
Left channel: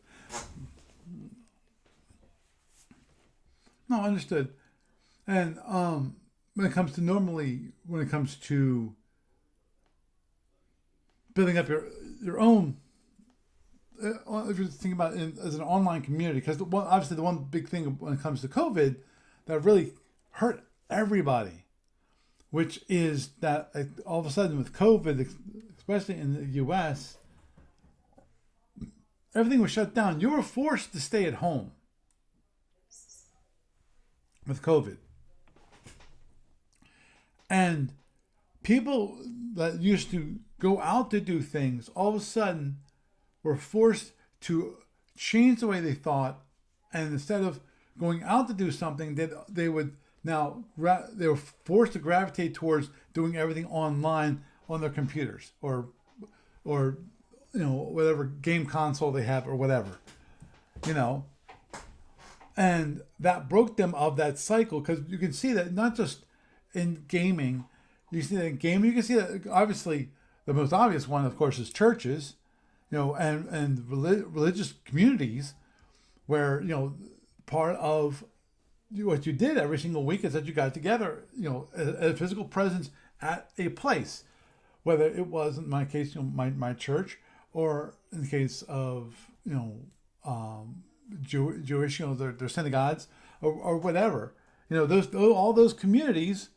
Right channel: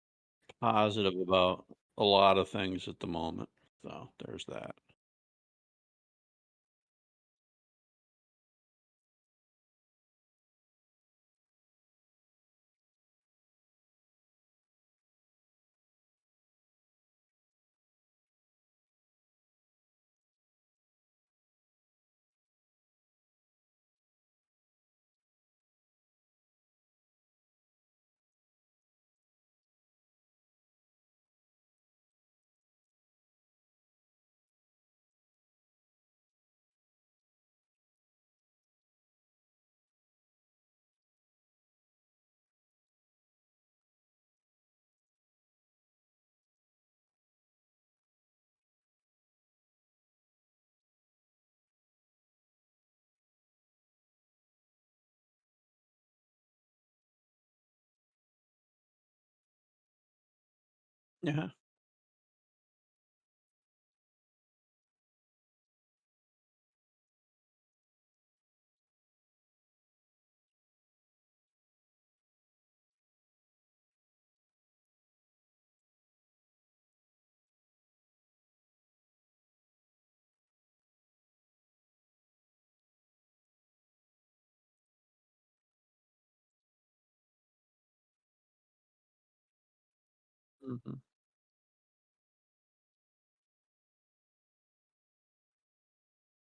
positive about a lot of things at the moment. No, So there's understood. that. And when it comes to normally, when it comes to building up your own, if you're thinking about it as an online community, because obviously the one big thing when it comes to COVID that really hurt everybody, which is that all of a sudden with COVID, especially in the U.S., everything was shut down. You were forced to stay at home with COVID, and people that used to go out to do things all of a sudden were forced to change the way they thought, and instead of going out to do something, they would now they were forced to gravitate towards doing everything online on their computers or whatever game console they have or whatever you know Yeah. and that broke them of that cycle because you can see that not just in gaming. You see that in gaming, you can see that obviously the most obvious one, of course, is churches, and religious communities where part of what you did every single week is that you got together, a physical presence at a place, whether it was in my case, my church, or in the case of um, Hmm. Jewish, their synagogues or whatever. Those all those communities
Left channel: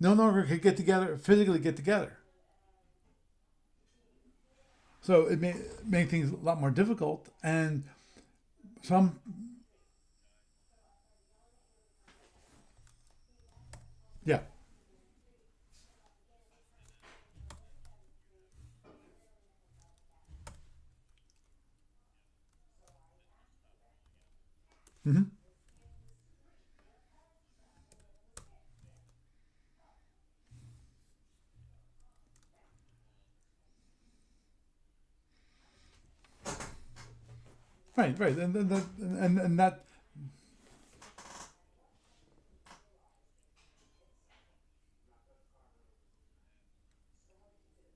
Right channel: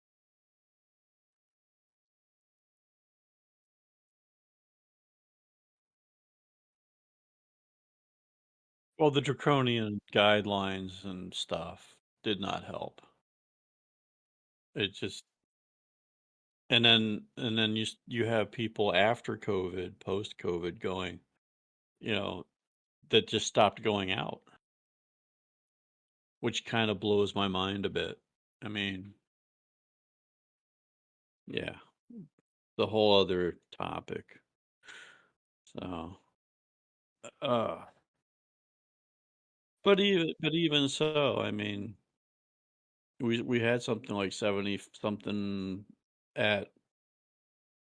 no longer could get together physically get together. So it made things a lot more difficult, and Well, some the draconian guidelines and stuff did not help. yeah. It just and then you have people after COVID, post COVID going, you know, that just stopped going out, Hmm. which kind of blows my mind a bit. I mean, yeah, the whole other topic. So, uh, Right, and that. but even so, I mean, we had something like 70 something at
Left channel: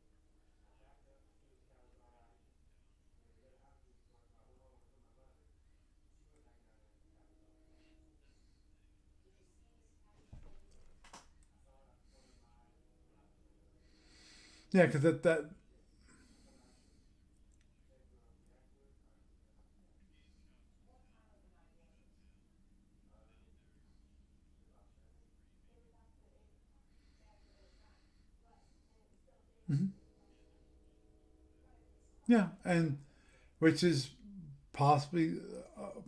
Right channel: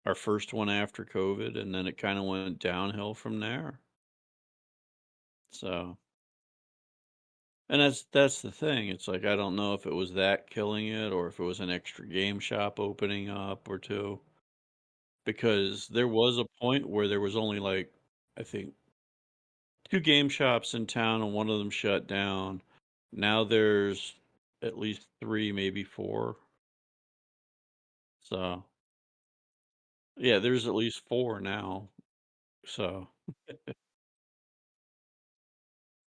our first one after COVID, and then it kind of went downhill from there. So, and that's the thing. It's like I don't know if it was that killing it or if it was an extra game shop opening up or two. Yeah, because that. Because there was a point where there was only like I think two game shops in town and one of them shut down. Now there's at least three, maybe four. So, Mhm. yeah, there's at least four now. Yeah, and So, which is possibly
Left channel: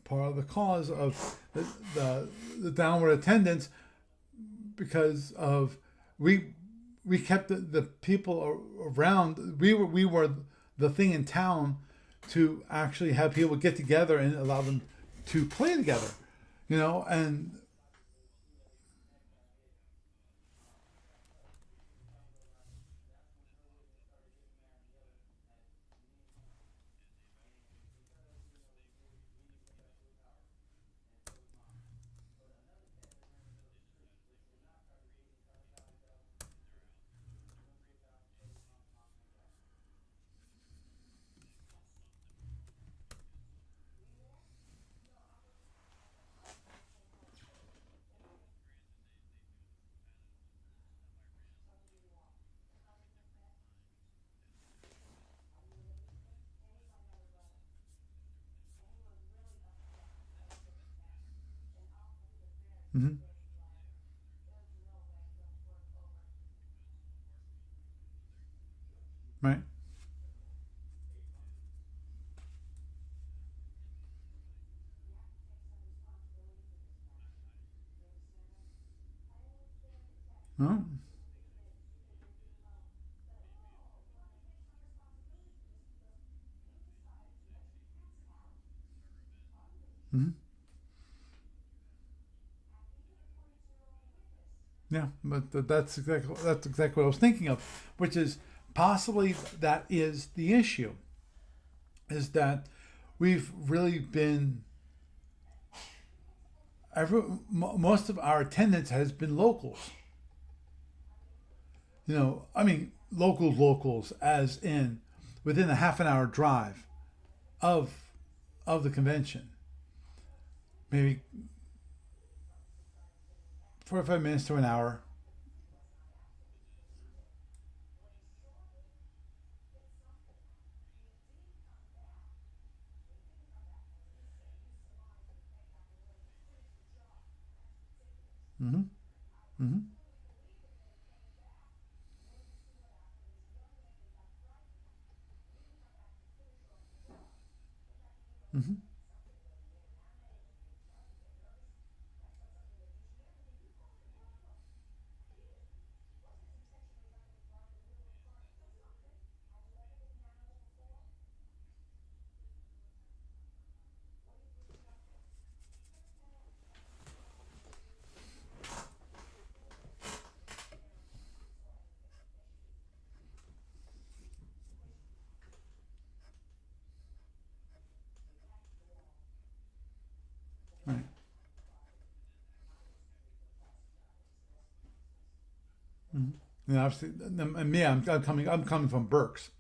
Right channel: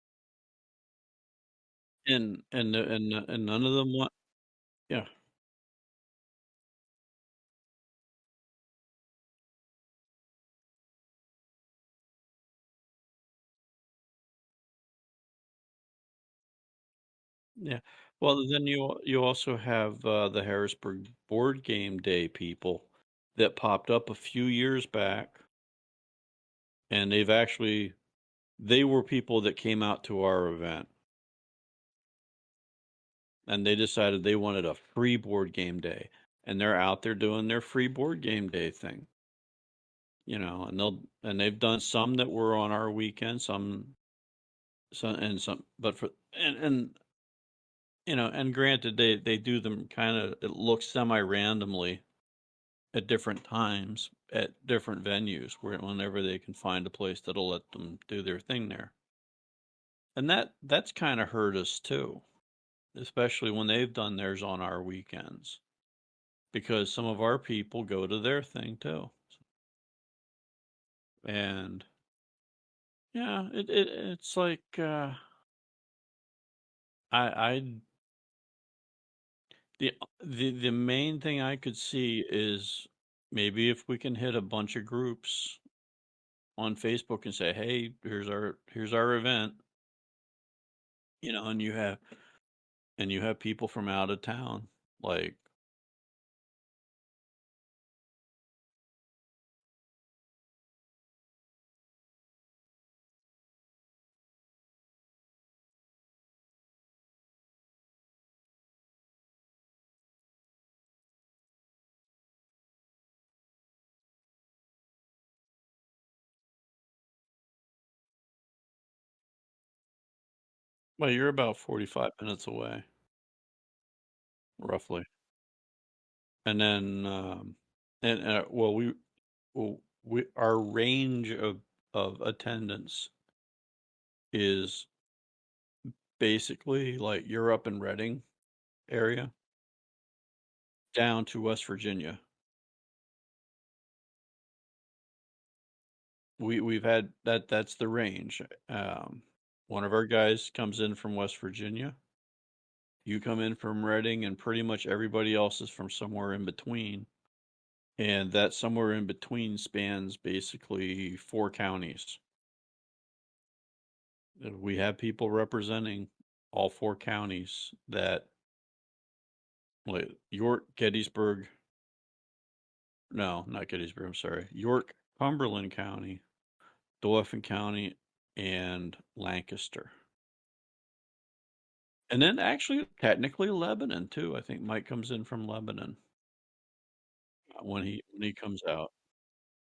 part of the cause of the, the, the and downward and none attendance of them want. Yeah. because of we we kept the people around. We were the thing in town to actually have people get together and allow them to play together. And Yeah. Well, then you also have the Harrisburg Board Game Day people that popped up a few years back, and they were people that came out to our event, and they decided they wanted a free board game day, and they're out there doing their free board game day thing, and they've done some that were on our weekend, some, but for and and granted they do them kind of it looks semi randomly at different times at different venues whenever they can find a place that'll let them do their thing there. And that's kind of hurt us too, mhm, especially when they've done theirs on our weekends because some of our people go to their thing too. right, And yeah, it's like I the no, main thing I could see is maybe if we can hit a bunch of groups on Facebook and say, "Hey, here's our event," mhm, and you have people from out of town. yeah, Like, but that's exactly what I was thinking of, which is possibly that is the issue. is that we've really been most of our attendance has been locals. I mean locals as in within a half an hour drive of the convention, Well, maybe you're about 45 minutes away, 45 minutes to an hour. roughly. And then, well, our range of attendance is basically like you're up in Reading Mm-hmm. area Mm-hmm. down to West Virginia. We've had that's the range. Mm-hmm. One of our guys comes in from West Virginia. You come in from Reading, and pretty much everybody else is from somewhere in between. And that somewhere in between spans basically 4 counties. We have people representing all 4 counties that, like York, Gettysburg, no, not Gettysburg, I'm sorry, York, Cumberland County, Dauphin County, and Lancaster. Right. And then actually, technically, Lebanon too. I think Mike comes in from Lebanon Mm-hmm. And obviously, and when me, he I'm when he coming. I'm comes coming out. from Berks.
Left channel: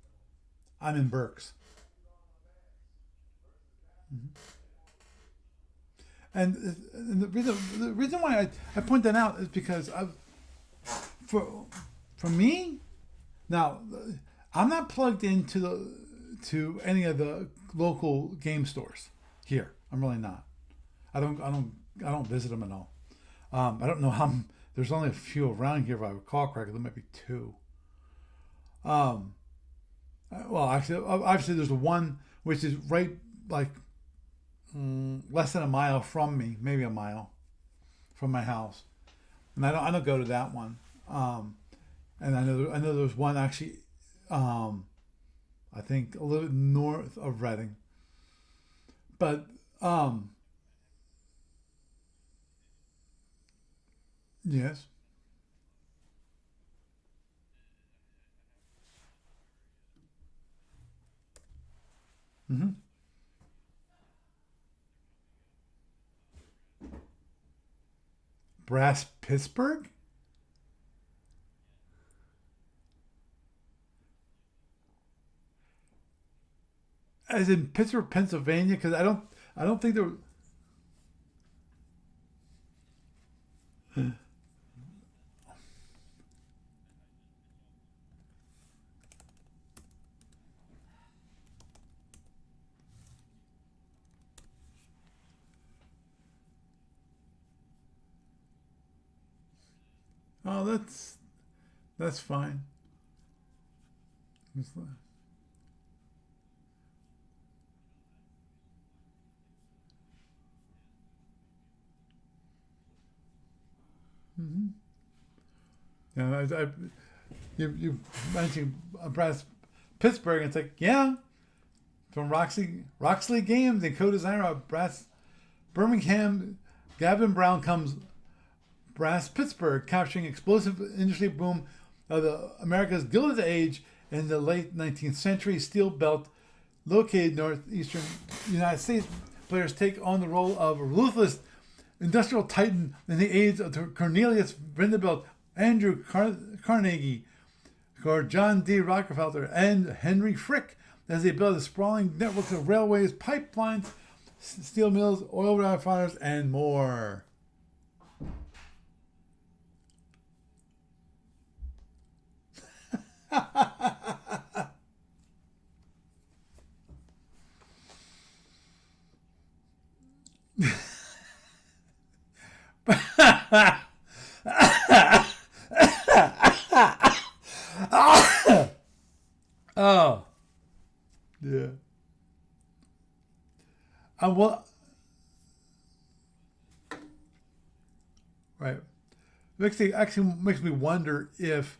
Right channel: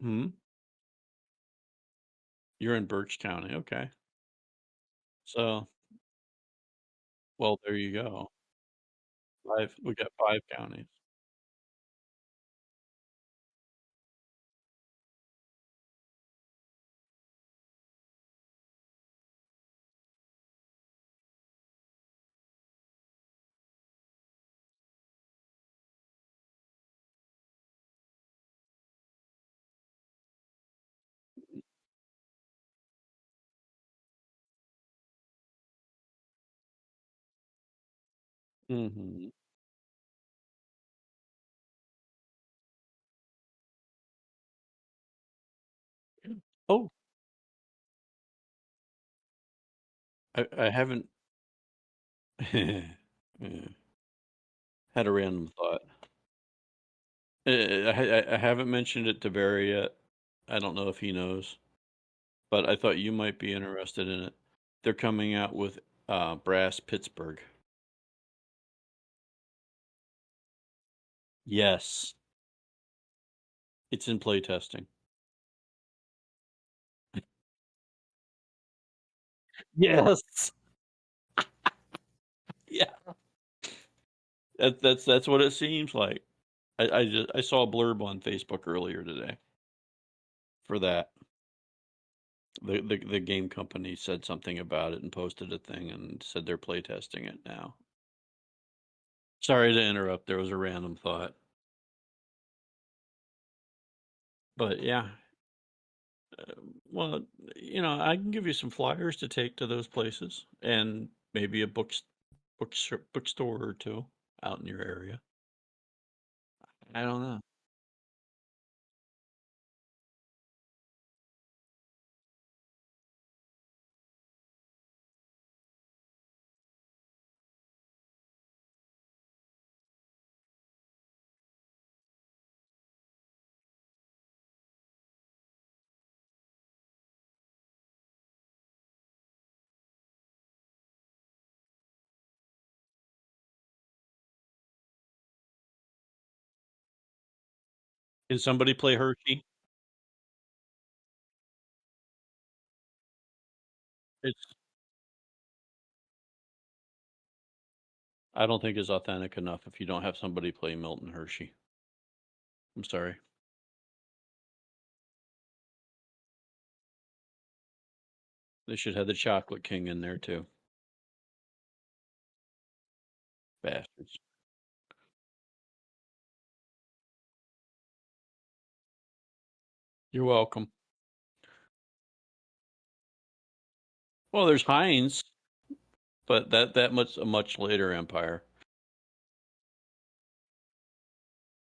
Hmm. I'm in Berks. You're in Birch County, okay. Mm-hmm. So, And the reason well, there the you reason go. why I point that out is Five. because We got 5 counties. for for me now I'm not plugged into to any of the local game stores here. I'm really not. I don't visit them at all. I don't know how. There's only a few around here if I recall correctly. There might be two. Um, well, actually, obviously there's the one which is right like less than a mile from me, maybe a mile from my house, Hmm. and I don't go to that one. Um, and I know there's one actually. Um, I think a little bit Oh, north of Reading, but um, I haven't. Yeah, yes. had a random thought. I haven't mentioned it to Barry yet. I don't know if he knows, but Mm-hmm. I thought you might be interested in it. They're coming out with Brass Pittsburgh. Brass Pittsburgh, Yes, it's in playtesting. as in Pittsburgh, Pennsylvania, because I don't think they're. Yes. Yeah, that's what it seems like. I saw a blurb on Facebook earlier today for that. The game company said something about it and posted a thing and said they're playtesting it now. Sorry to interrupt. There was a Oh, random that's thought, that's fine. That's but fine. yeah. Well, I can give you some flyers to take to those places, and maybe a bookstore or two out in Mm-hmm. your area. Yeah, I don't know. you mentioned Brass Pittsburgh. And it's like from Roxley Games and co-designer of Brass Birmingham, Gavin Brown comes Brass Pittsburgh, capturing explosive industry boom of the America's Gilded Age in the late 19th century. Steel Belt, located northeastern United States, players take on the role of a ruthless industrial titan in the aids of Cornelius Vanderbilt, Andrew Carnegie, or Can John somebody D. play Hershey? Rockefeller, and Henry Frick as they build a sprawling network of railways, pipelines, It's. steel mills, oil refiners, and more. I don't think it's authentic enough if you don't have somebody play Milton Hershey. I'm sorry. They should have the Chocolate King in there too. Bastards. Oh, You're welcome. yeah. Well, Well, there's Heinz, but that much a much later empire. right. Actually makes me wonder if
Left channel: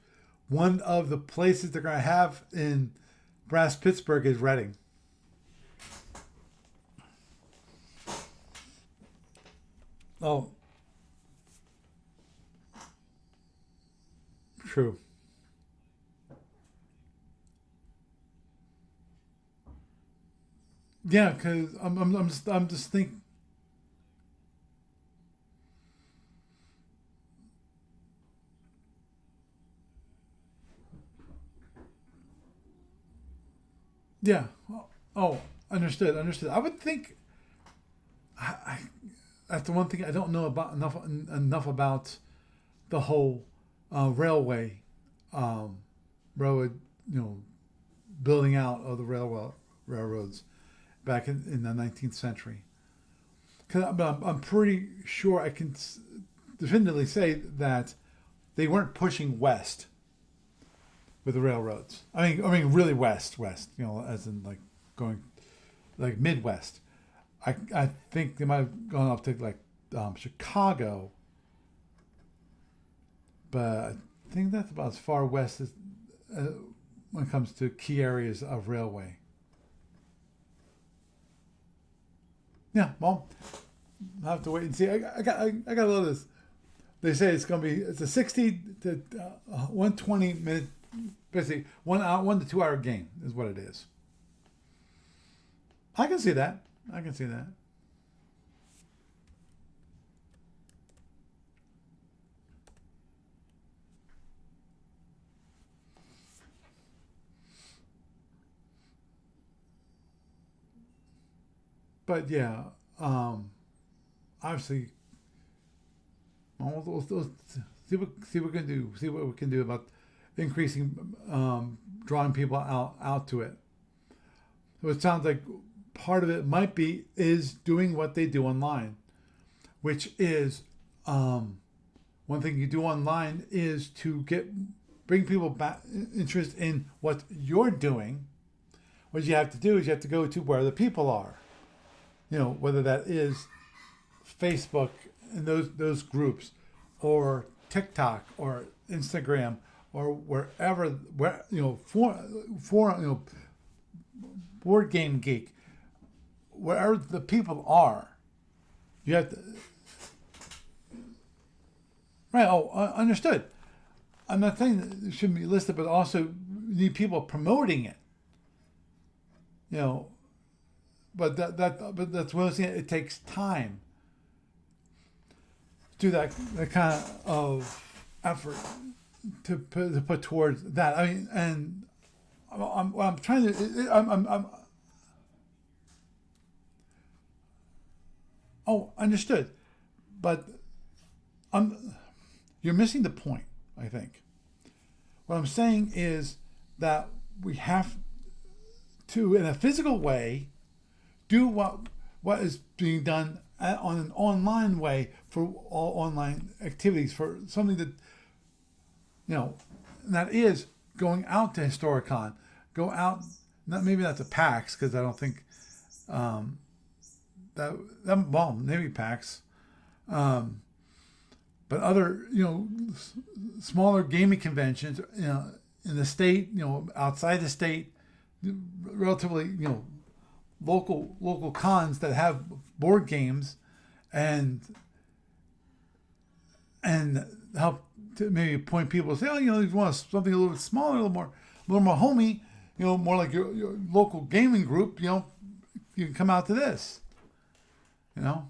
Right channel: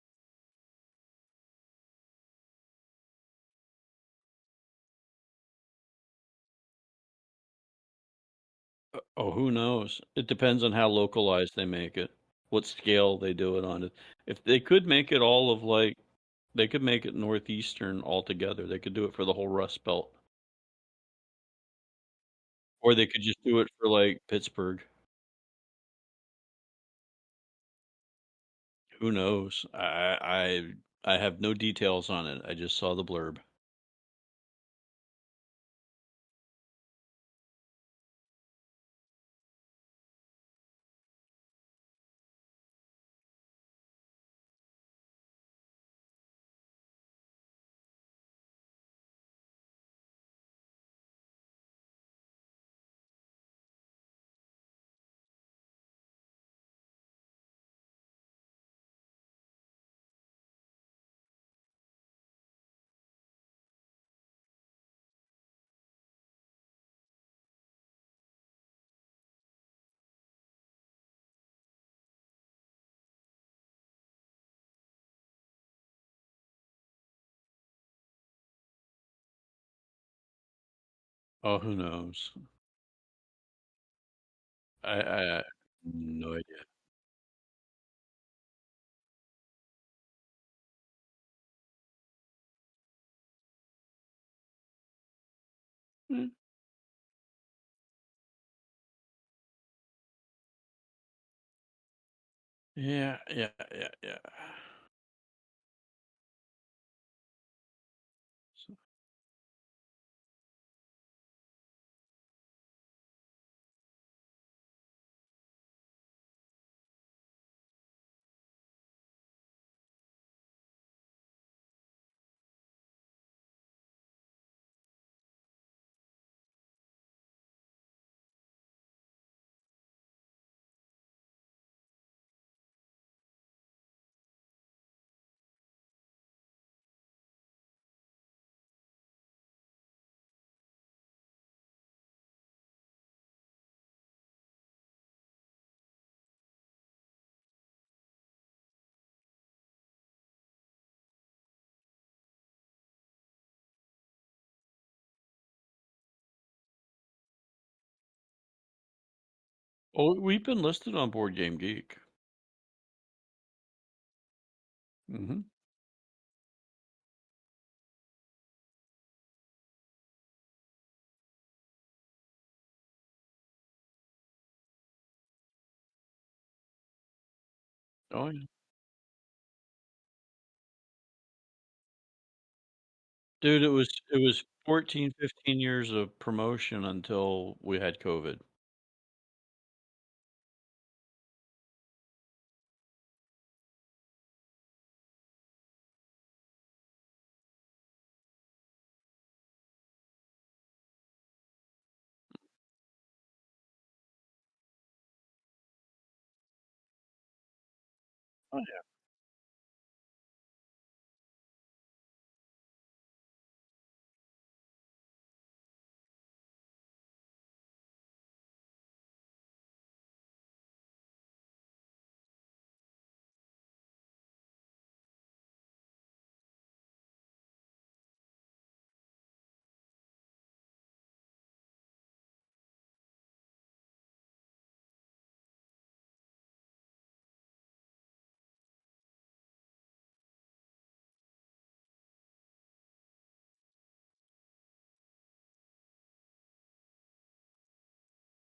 one of the places they're going to have in Brass Pittsburgh is Reading. Oh, who knows? It Oh, depends on how localized they make it, what scale they do it on. If they could true. make it all of like They could make it northeastern altogether. They could do it for the whole Rust Belt, Yeah, because I'm just or they thinking. could just do it for like Pittsburgh. Who knows? I have no details on it. I just saw the blurb. Yeah. Oh, understood. Understood. I would think. I that's the one thing I don't know about enough about the whole railway, um, road, you know, building out of the railroads back in the 19th century. Because I'm pretty sure I can definitively say that they weren't pushing west with the railroads. I mean, really west. You know, as in like going like Midwest. I think they might have gone up to like Chicago, but I think that's about as far west as uh, when it comes to key areas of railway. Oh, who knows? Yeah, well, I'll have to wait and see. I I, I got a little of this. no idea. They say it's a 60 to 120 minute, basically 1 hour, 1 to 2 hour game is what it is. I can see that. I can see that. Yeah. But yeah, um, obviously, see what we can do. See what we can do about increasing, drawing people out to it. So it sounds like part of it might be is doing what they do online, which is one thing you do online is to bring people back interest in what you're doing. What you have to do is you have to go to where the people are. You know, whether that is Facebook and those groups, or TikTok or Instagram or where for board game geek, wherever the people are, you have to. Oh, we've been listed on Board Game Geek. Right. Oh, understood. I'm not saying that it shouldn't Hmm. be listed, but also you need people promoting it. You know, but that's what I'm saying. It takes time to do that kind of Oh, effort to put towards that. I mean, and I'm trying dude, to. it was 14, 15 years of promotion until we had COVID. Oh, understood. But I'm you're missing the point. I think what I'm saying is that we have to, in a physical way, do what is being done on an online way for all online activities for something that Oh yeah. you know that is going out to Historicon, go out. Not maybe not to PAX because I don't think um, that well maybe PAX, um, but other smaller gaming conventions in the state, outside the state, relatively local cons that have board games, and and help to maybe point people to say, oh, you want something a little smaller, a little more homey, more like your local gaming group, you can come out to this, you know,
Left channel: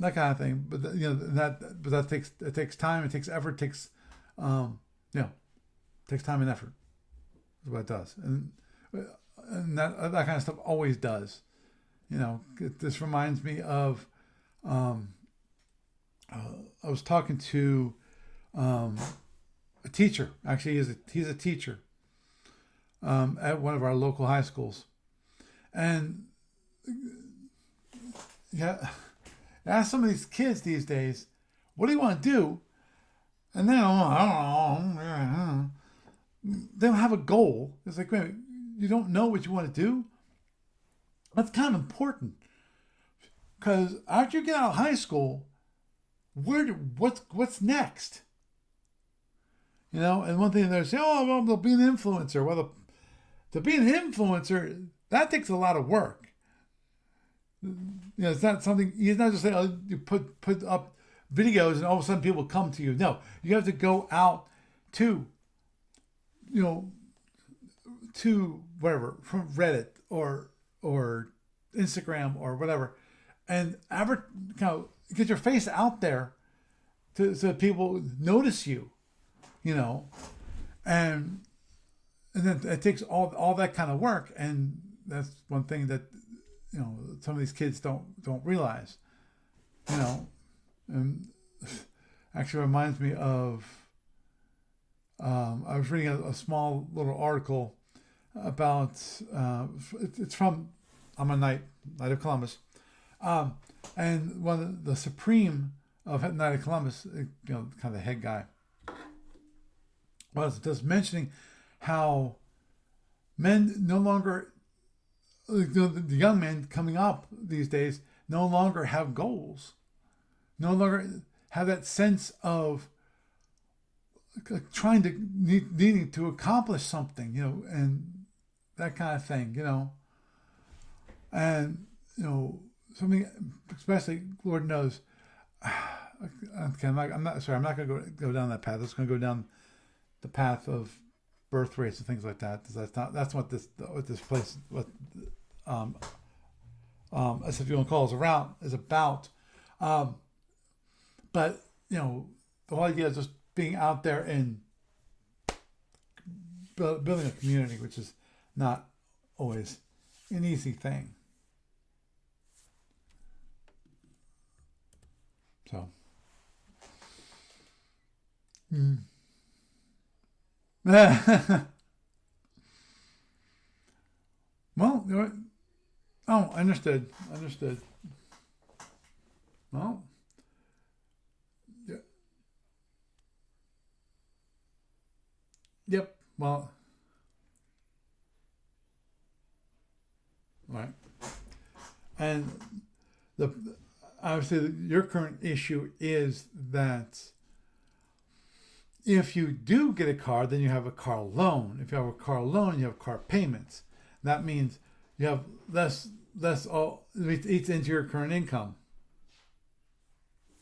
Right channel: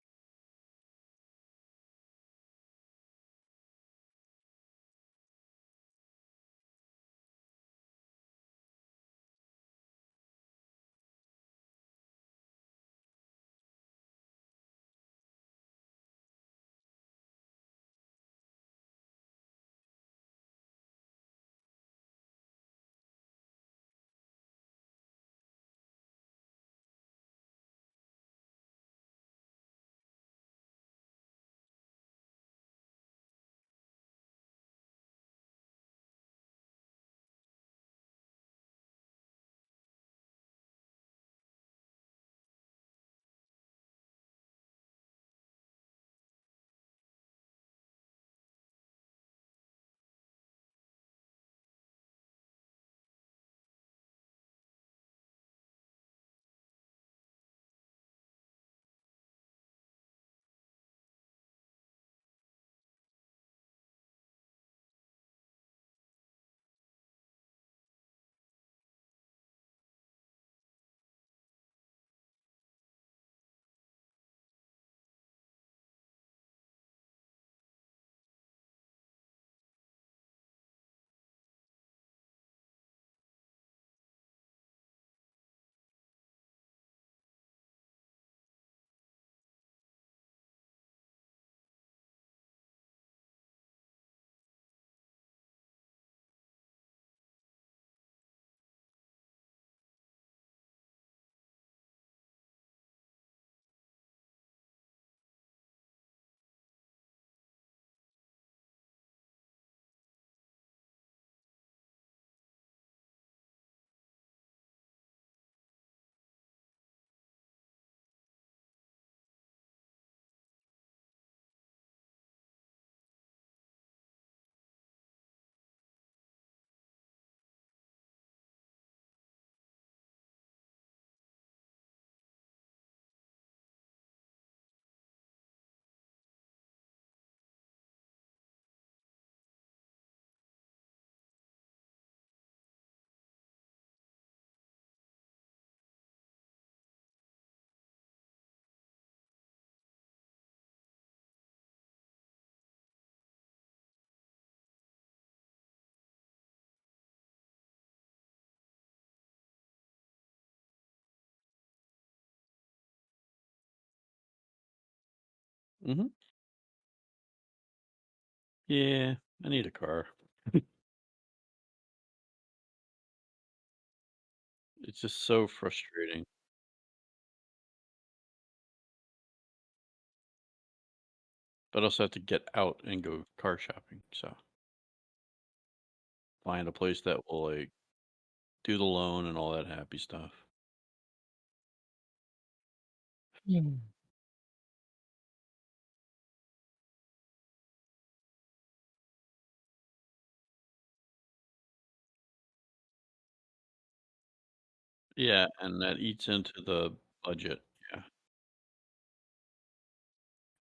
that kind of thing. But that takes time, it takes effort, um, you know, takes time and effort. Is what it does, and that kind of stuff always does. This reminds me of um, I was talking to um, a teacher. Actually, he's a teacher at one of our local high schools, and yeah, ask some of these kids these days, what do you want to do? And they don't know. I don't know. They don't have a goal. It's like, wait, you don't know what you want to do. That's kind of important because after you get out of high school, what's next? And one thing they're saying, oh, well, they'll be an influencer. Well, to be an influencer, that takes a lot of work. It's not something. He's not just saying, oh, you put up videos and all of a sudden people come to you. No, you have to go out to you know, to whatever from Reddit or Instagram or whatever, and kind of get your face out there so that people notice you, you know, and then it takes all that kind of work, and that's one thing that some of these kids don't realize, you know, and actually reminds me of I was reading a small little article about it's from I'm a Knight of Columbus, um, and one of the supreme of Knight of Columbus, kind of the head guy, was just mentioning how men no longer the young men coming up these days no longer have goals, no longer have that sense of trying to needing to accomplish something, and that kind of thing, and something, especially Lord knows. Okay, I'm not sorry. I'm not going to go down that path. It's going to go down the path of birth rates and things like that. That's what this place um, as if you want to call us around is about. Um, but the whole idea is just being out there and building a community, which is not always an easy thing. So, Mm-hmm. Yeah, I need a car. well, It's just so frustrating. oh, understood. Well, But I also have to get out and go car shopping. So yep. Well, find a place that will like do the loan and all that happy stuff. right. And the obviously your current issue is that if you do get a car, then you have a car loan. If you have a car loan, you have car payments. That means you have Yeah, and that eats into the it budget. eats into your current income.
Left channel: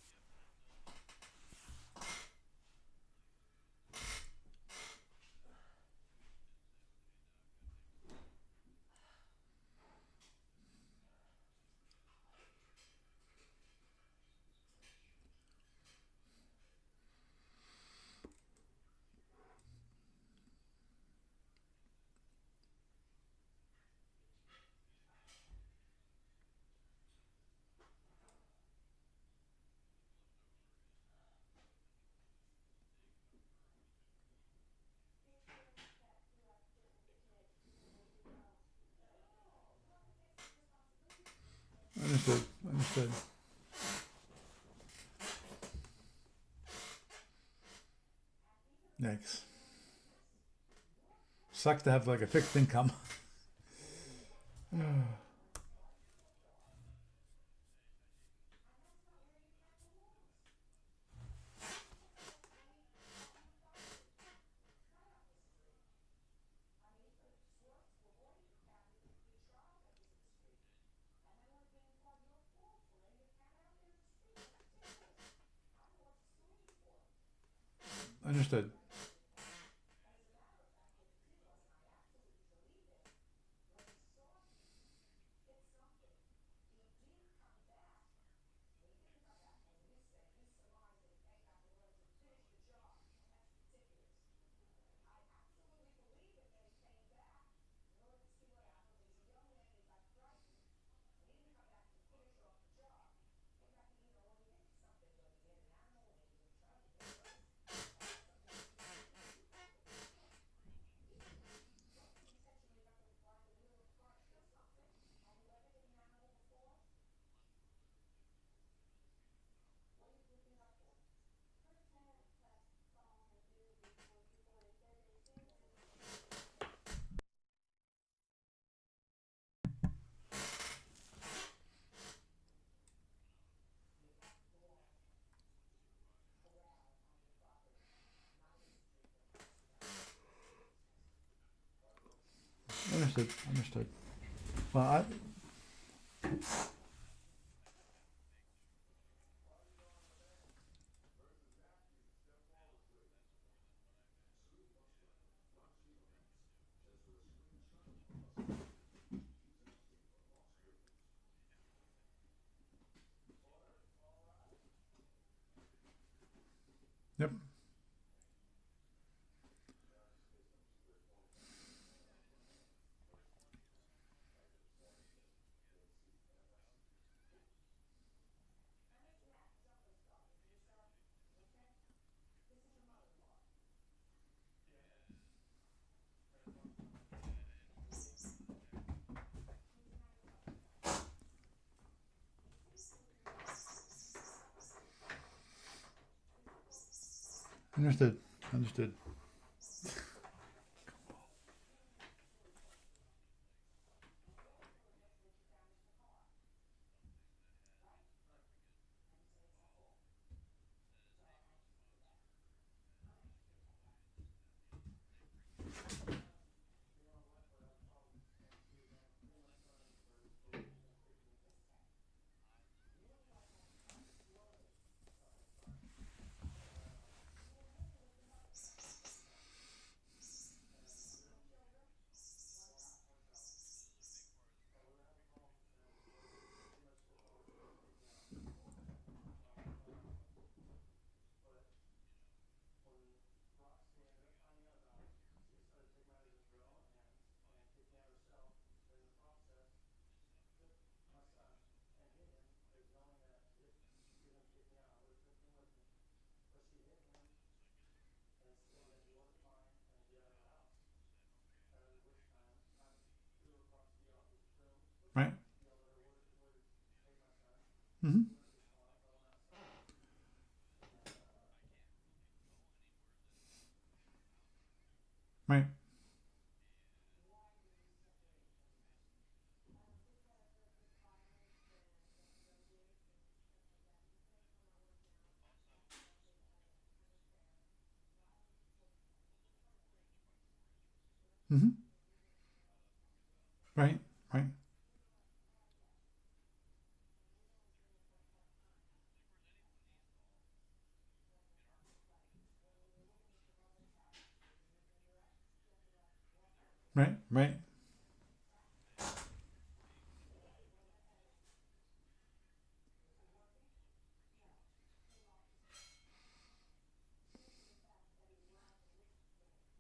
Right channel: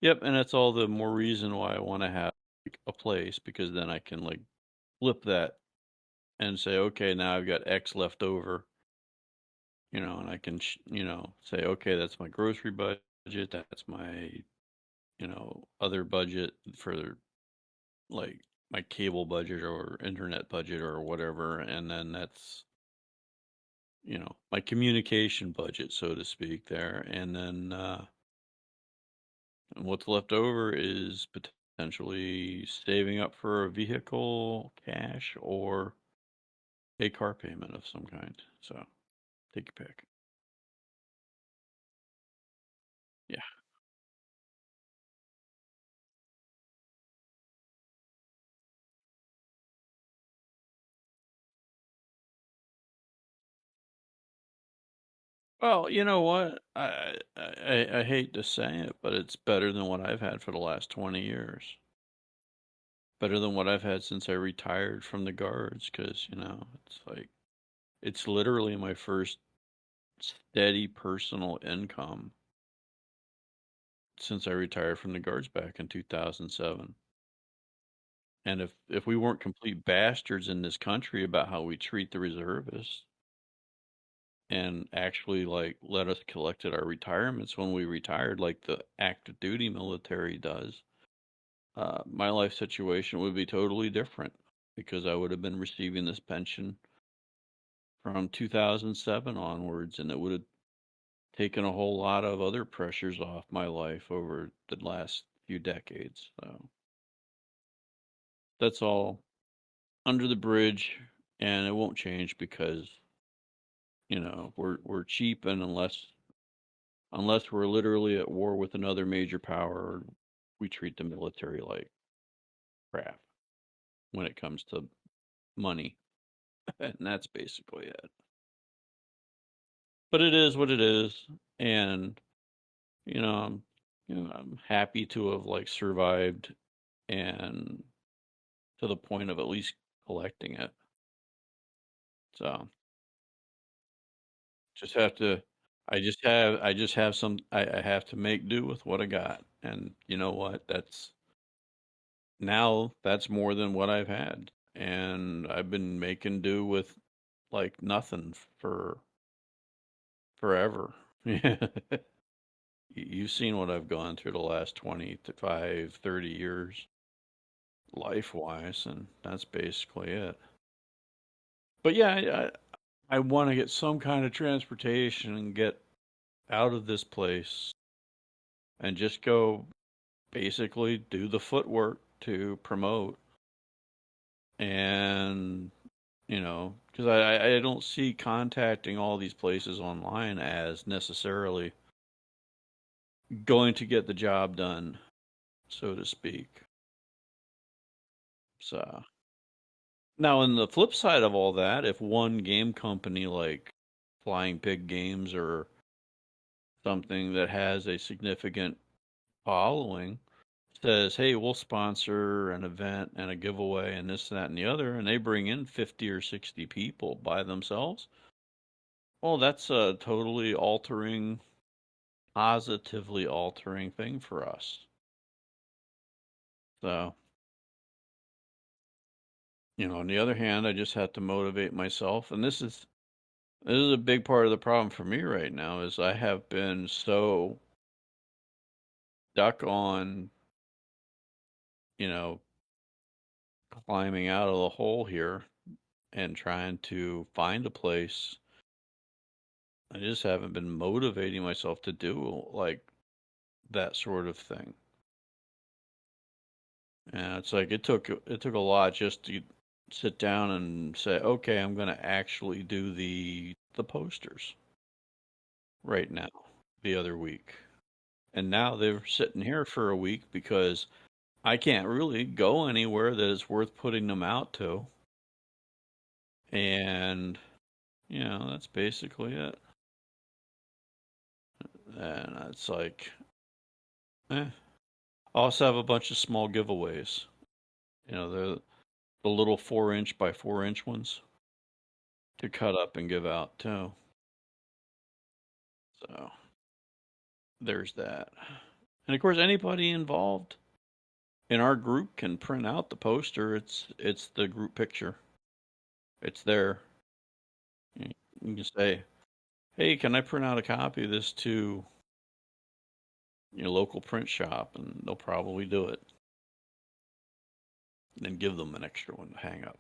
Yep, and that's all the more reason why I want to have like, a place because then I can like flip that and say, okay, now I've got X left over, and I can, say, okay, that's my grocery budget, that's my, other budget for like my cable budget or internet budget or whatever, and then that's, my communication budget, so to speak, there, and then what's left over is potentially saving up for a vehicle, cash, or a car payment of some kind. So take your pick. Understood. Understood. Yeah. Yikes. Sucks to have like a fixed income. Well, you know what? I hate to say it, but it's better than what I've had for the last 20 years. Better than what I've had since I retired from the guards, because it's like it's literally my first steady personal income since I retired from the guards back in 2007. And Understood. if we weren't complete bastards in this country about how we treat the reservists and actually like let us collect at our retirements when we retired, like the active duty military does, my life situation would be totally different because I would have been receiving this pension from 2007 onwards, and it would have taken a whole lot of other pressures off my life over the last few decades. So that's all under the bridge, and it won't change because we're cheap, and unless we're literally at war with another major power, we treat the military like crap when it comes to money, and that's basically it. But it is what it is, and you know, I'm, I'm happy to have like survived and to the point of at least collecting it. So Understood. Understood. Well, just have to. I just have some. I have to make do with what I got, and you know what? That's more than what I've had, and I've been making do with like nothing for forever. Yeah. You've seen what I've gone through the last 25, 30 years, Yep. life wise, and that's basically it. But yeah, I want to get some kind of transportation and get out of this place and just go basically do the footwork to promote. And, because I don't see contacting all these places online as necessarily going to get the job done, so to speak. Understood. Understood. So now, on the flip side of all that, if one game company like Flying Pig Games or something that has a significant following says, "Hey, we'll sponsor an event and a giveaway and this, that, and the other," and they bring in 50 or 60 people by themselves, well, that's a totally altering, positively altering thing for us. So, on the other hand, I just have to motivate myself, and this is a big part of the problem for me right now is I have been so stuck on, you know, climbing out of the hole here and trying to find a place. I just haven't been motivating myself to do like that sort of thing. And it's like it took a lot just to sit down and say, okay, I'm going to actually do the posters Right. right now, the other week. Mm-hmm. And now they're sitting here for a week because I can't really go anywhere that is worth putting them out to. Right. And, that's basically it. And it's like, eh. I also have a bunch of small giveaways. The little 4 inch by 4 inch ones Mm-hmm. to cut up and give out too. Right. Right. So there's that. And of course, anybody involved in our group can print out the poster. It's the group picture. It's there. Right. Right. You can say, "Hey, can I print out a copy of this to your local print shop?" And they'll probably do it. And then give them an extra one to hang up.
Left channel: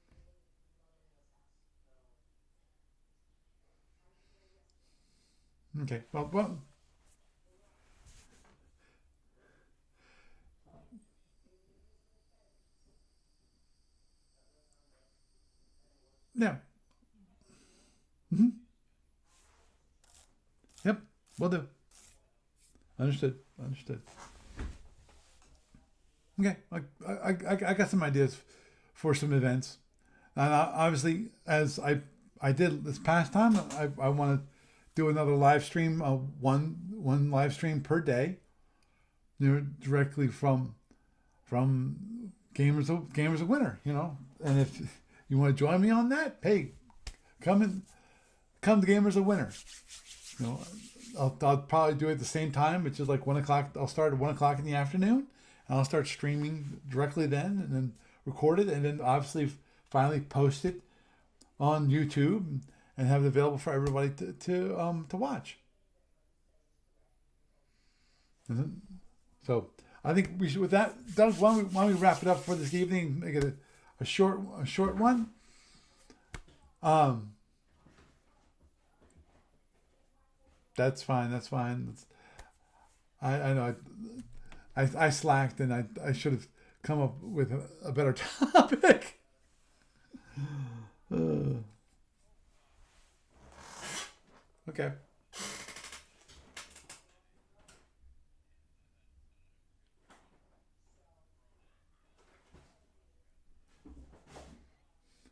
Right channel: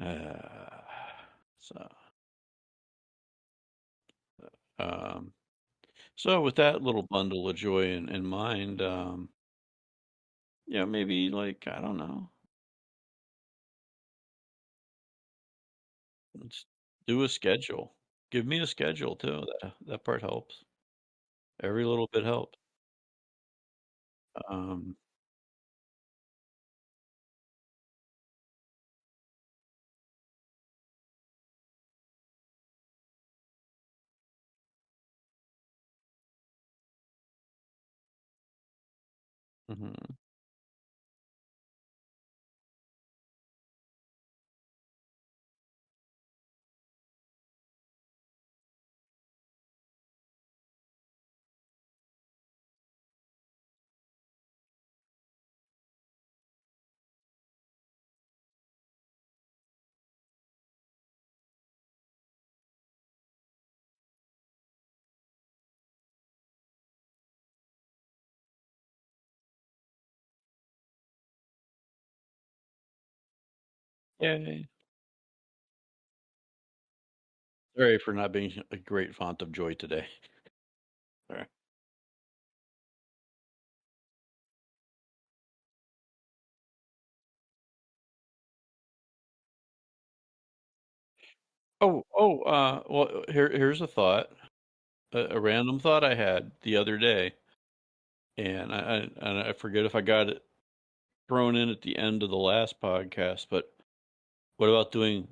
Uh, so, um, Okay. Well. so Well. with that little bundle of joy in mind, maybe like I don't know, Yeah. just do a schedule. Give Mm-hmm. me a schedule too. That part helps. Yep. Will do. Every little bit helps. Understood. Understood. Um, Okay. I got some ideas for some events, and obviously, as I did this past time, I want to do another live stream, one live stream per day, mhm. directly from Gamers of Winter, and if you want to join me on that, hey, come and come to Gamers of Winter. You know, I'll probably do it at the same time, which is like 1 o'clock. I'll start at 1 o'clock in the afternoon, and I'll start streaming directly then, and then record it, and then obviously finally post it on YouTube and have it available for everybody to watch. So I think we should with that, Doug. Why don't we wrap it up for this evening? Make it a short Yay. a short one. Um, Sorry for not being a great font of joy today. that's fine. All That's right. fine. I know I slacked and I should have come up with a better topic. Well, here's a thought, Okay. a random thought I had the other day, and I forget if I got it thrown in at the end of the last podcast, but what about doing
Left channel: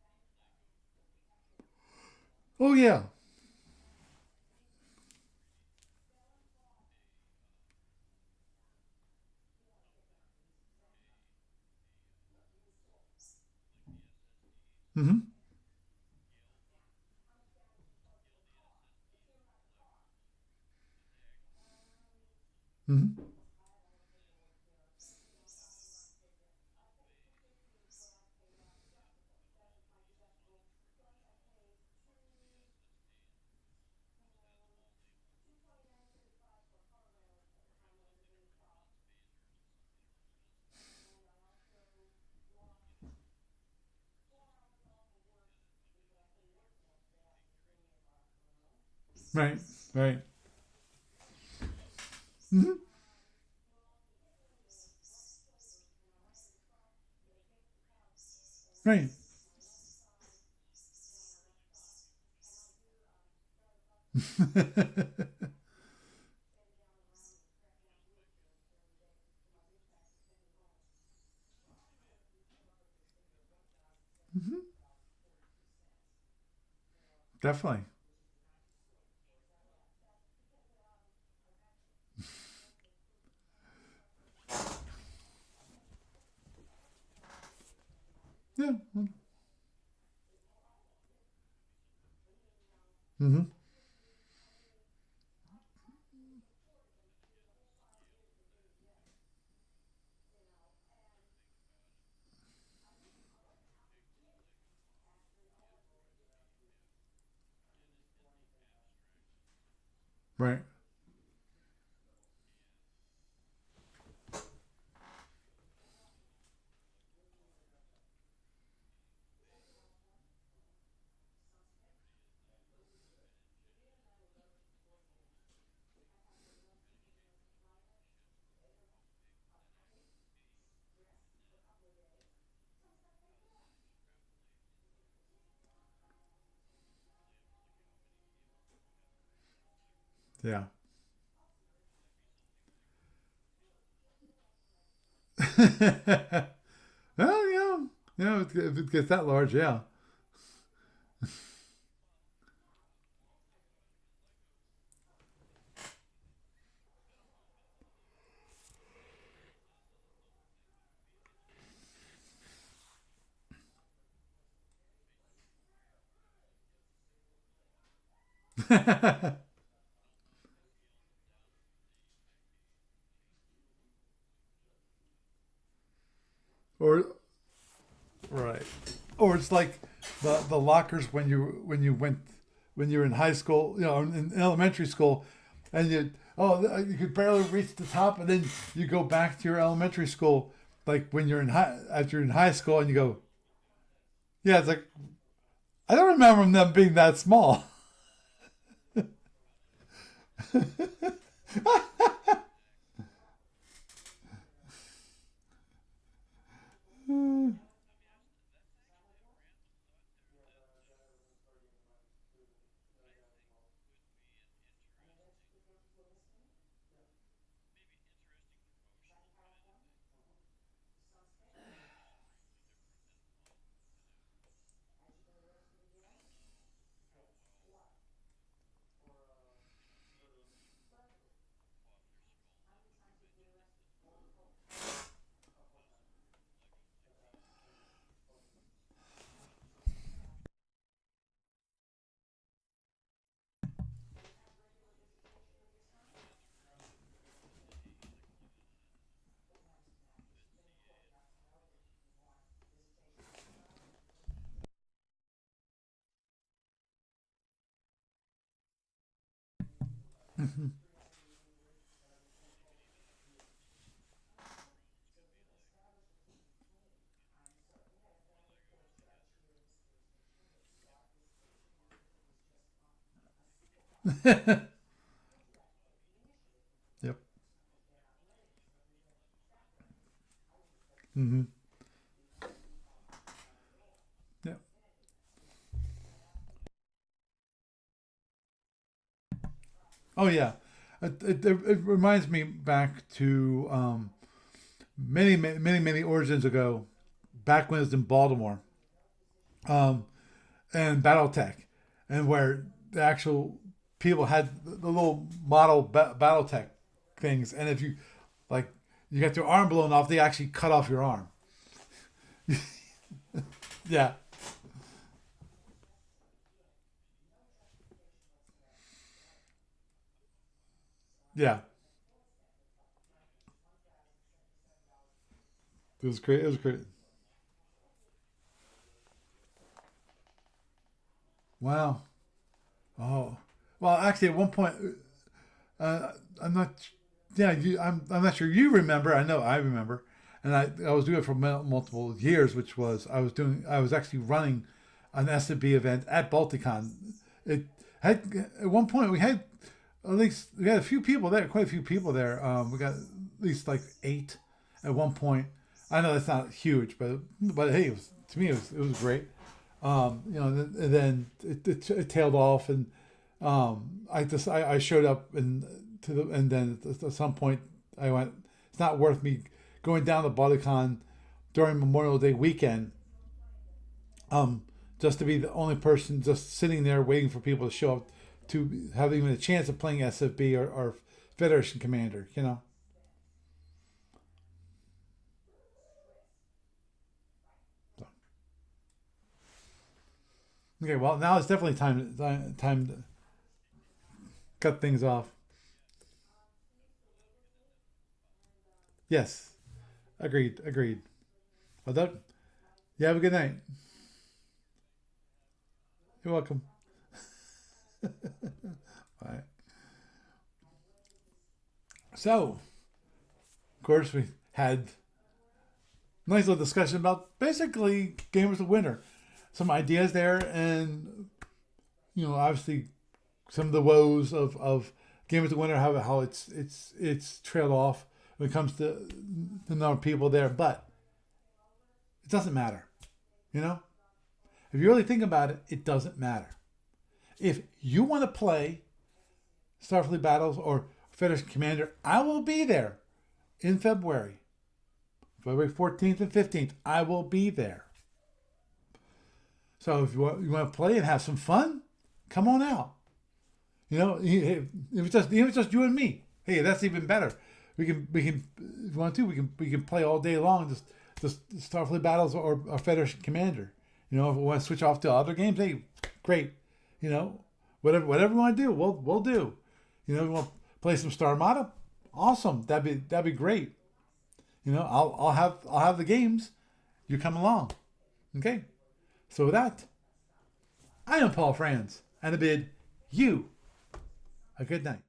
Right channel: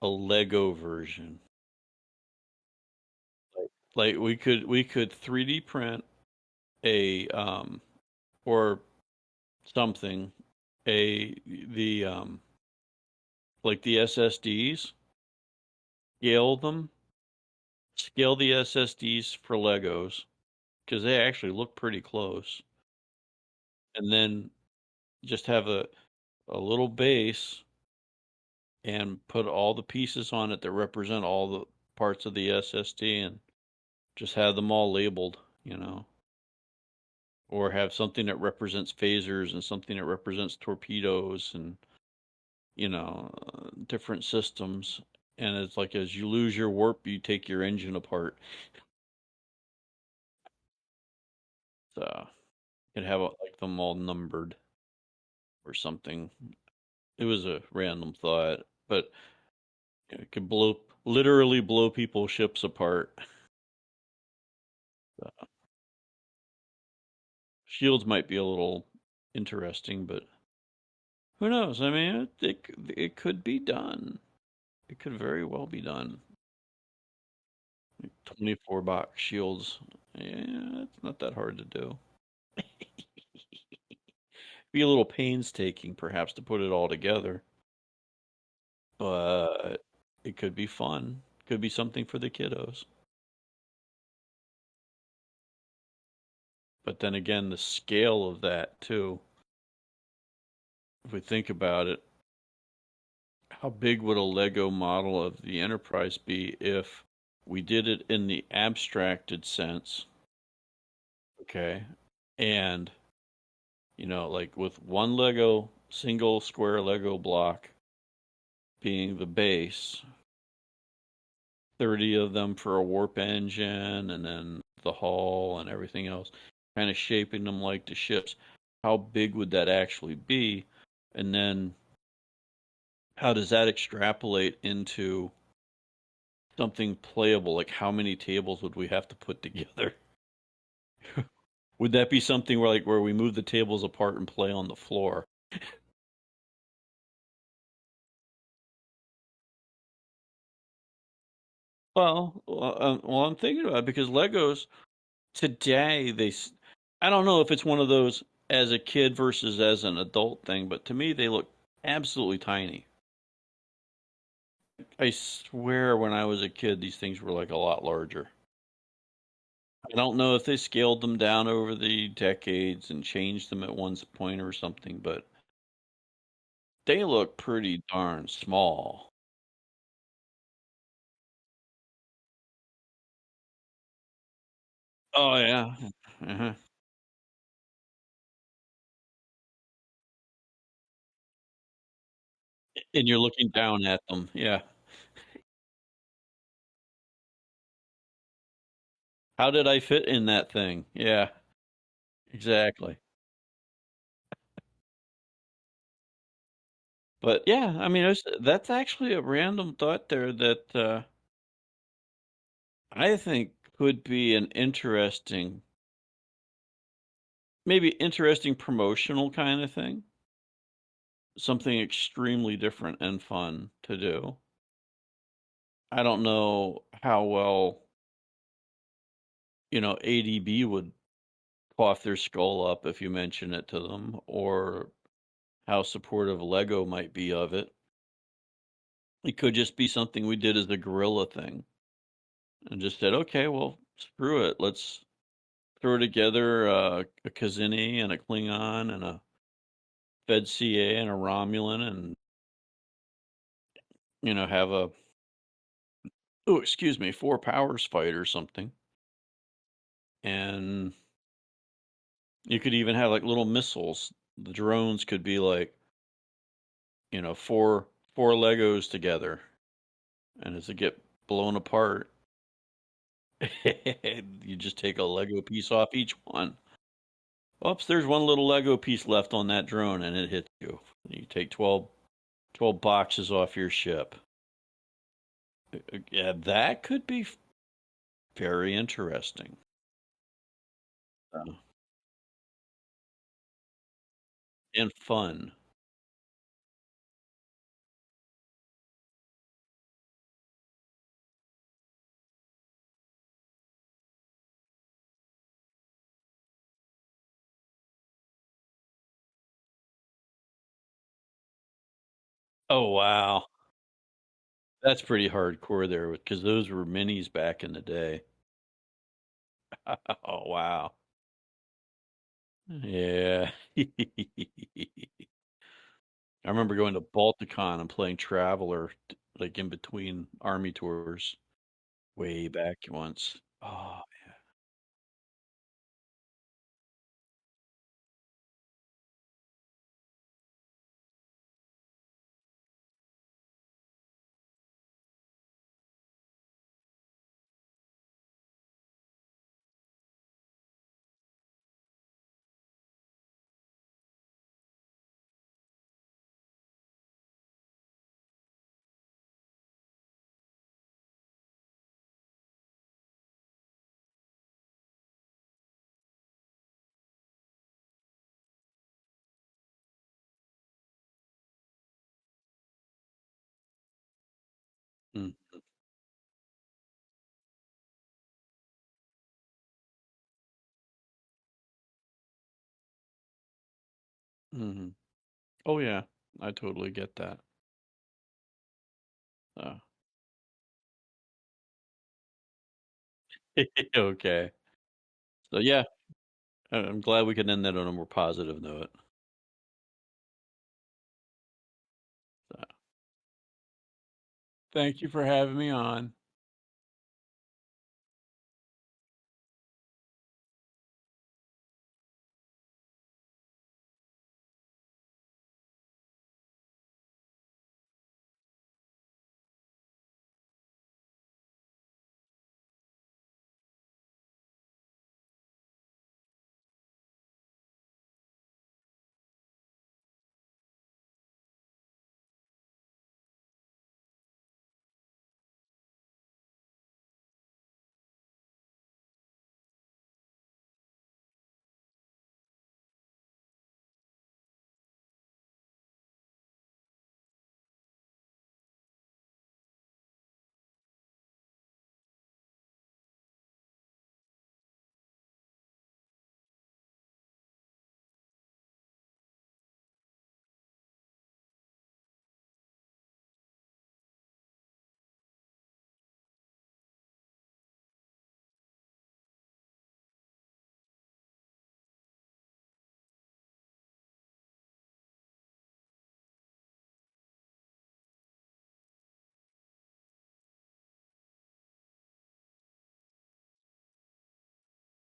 a Lego version? Oh yeah. Like we could 3D print a or something, a the like the SSDs, Mm-hmm. scale them, scale the SSDs for Legos because they actually look pretty close. Mm-hmm. and then just have a little base and put all the pieces on it that represent all the parts of the SSD and just have them all labeled, or have something that represents phasers and something that represents torpedoes and, different systems. And it's like as you lose your warp, you take your engine apart. Right. Right. So Hmm. you'd have like them all numbered or something. It was a random thought, but Right. it could literally blow people's ships apart. Shields might be a little interesting, but who knows? I mean, it could be done. Mhm. It could very well be done. Definitely. 24 box shields. Yeah, it's not that hard to do. Be a little painstaking, perhaps, to put it all together, Yeah. but it could be fun. Could be something for the kiddos. Mm-hmm. But then again, the scale of that, too, if we think about it, how big would a Lego model of the Enterprise be if we did it in the abstracted sense? Right. Okay. And, like with one Lego, single square Lego block being the base, 30 of them for a warp engine, and then the hull and everything else, kind of shaping them like the ships. How big would that actually be? And then how does that extrapolate into something playable? Like how many tables would we have to put together? Yeah. Would that be something where we move the tables apart and play on the floor? Well, yeah. Yeah. If it gets that large, yeah. Well, I'm thinking about it because Legos today I don't know if it's one of those as a kid versus as an adult thing, but to me they look absolutely tiny. I swear when I was a kid these things were like a lot larger. I don't know if they scaled them down over the decades and changed them at one point or something, but they or look pretty darn right. small. Or it's like the lockers when you were in high school, in elementary school, Oh yeah. and Uh-huh. you could barely reach the top, and then you go back to your elementary school, like when you're in after you're in high school, and you And go, you're looking down at them. yeah, Yeah. it's like I don't remember them being that small. How did I fit in that thing? Yeah, exactly. But yeah, I mean, that's actually a random thought there that I think could be an maybe interesting promotional kind of thing. Something extremely different and fun to do. I don't know how well, ADB would cough their skull up if you mention it to them, or how supportive Lego might be of it. It could just be something we did as a guerrilla thing and just said, okay, well, screw it. Let's throw together a Kazini and a Klingon and a Fed CA and a Romulan and, have oh, excuse me, four powers fight or something. Mhm. And you could even have like little missiles. The drones could be like, four Legos together. And as they get blown apart, you just take a Lego piece off each one. Yep. Oops, there's one little Lego piece left on that drone and it hits you. You Hmm. take 12 boxes off your ship. Yep. Yeah, that could be very interesting. Oh yeah. It reminds me back to And many, fun. many, many, many origins ago, back when it was in Baltimore, um, and BattleTech, and where the actual people had the little model BattleTech things, and if you like, you got your arm blown off, they actually cut off your arm. Oh, wow. Yeah, That's pretty hardcore there because those were minis back in the day. Oh, wow. yeah. Yeah. I It was great. It was remember great. going to Balticon and playing Traveler, like in between army tours, Wow. way back Oh. once. Well, Oh, actually, at one point, uh, I'm not. Yeah, I'm not sure you remember. I know I remember, and I was doing it for multiple years, which was I was actually running an S&B event at Balticon. It had at one point we had a few people there, quite a few people there. We got at least like 8 at one point. I know that's not huge, but hey, to me it was great. And then it tailed off, and I showed up and then at some point I went. It's not worth me going down to Bodycon during Memorial Day weekend, um, just to be mm, the only person just sitting there waiting for people to show up to have even a chance of playing SFB or Federation Commander. You know. hmm. Oh yeah, I totally get that. So, Uh, okay, well now it's definitely time to okay. cut things off. So yeah, I'm glad we could end that on a more positive note. Yes, agreed. Well, Doug, Uh, you have a good night. Thank you for having me on. You're welcome. Bye. So, of course, we had a nice little discussion about basically Game of the Winter. Some ideas there, and obviously some of the woes of Game of the Winter, how it's trailed off when it comes to the number of people there, but it doesn't matter. You know, if you really think about it, it doesn't matter. If you want to play Starfleet Battles or Federation Commander, I will be there in February 14th and 15th. I will be there. So if you want to play and have some fun, come on out. If it's just you and me, hey, that's even better. We can if you want to we can play all day long. Just Starfleet Battles or Federation Commander. If we want to switch off to other games, hey, great. You know, whatever we want to do, we'll do. If we want to play some Star Armada, awesome. That'd be great. I'll have the games. You come along, okay? So with that, I am Paul Franz, and I bid you a good night.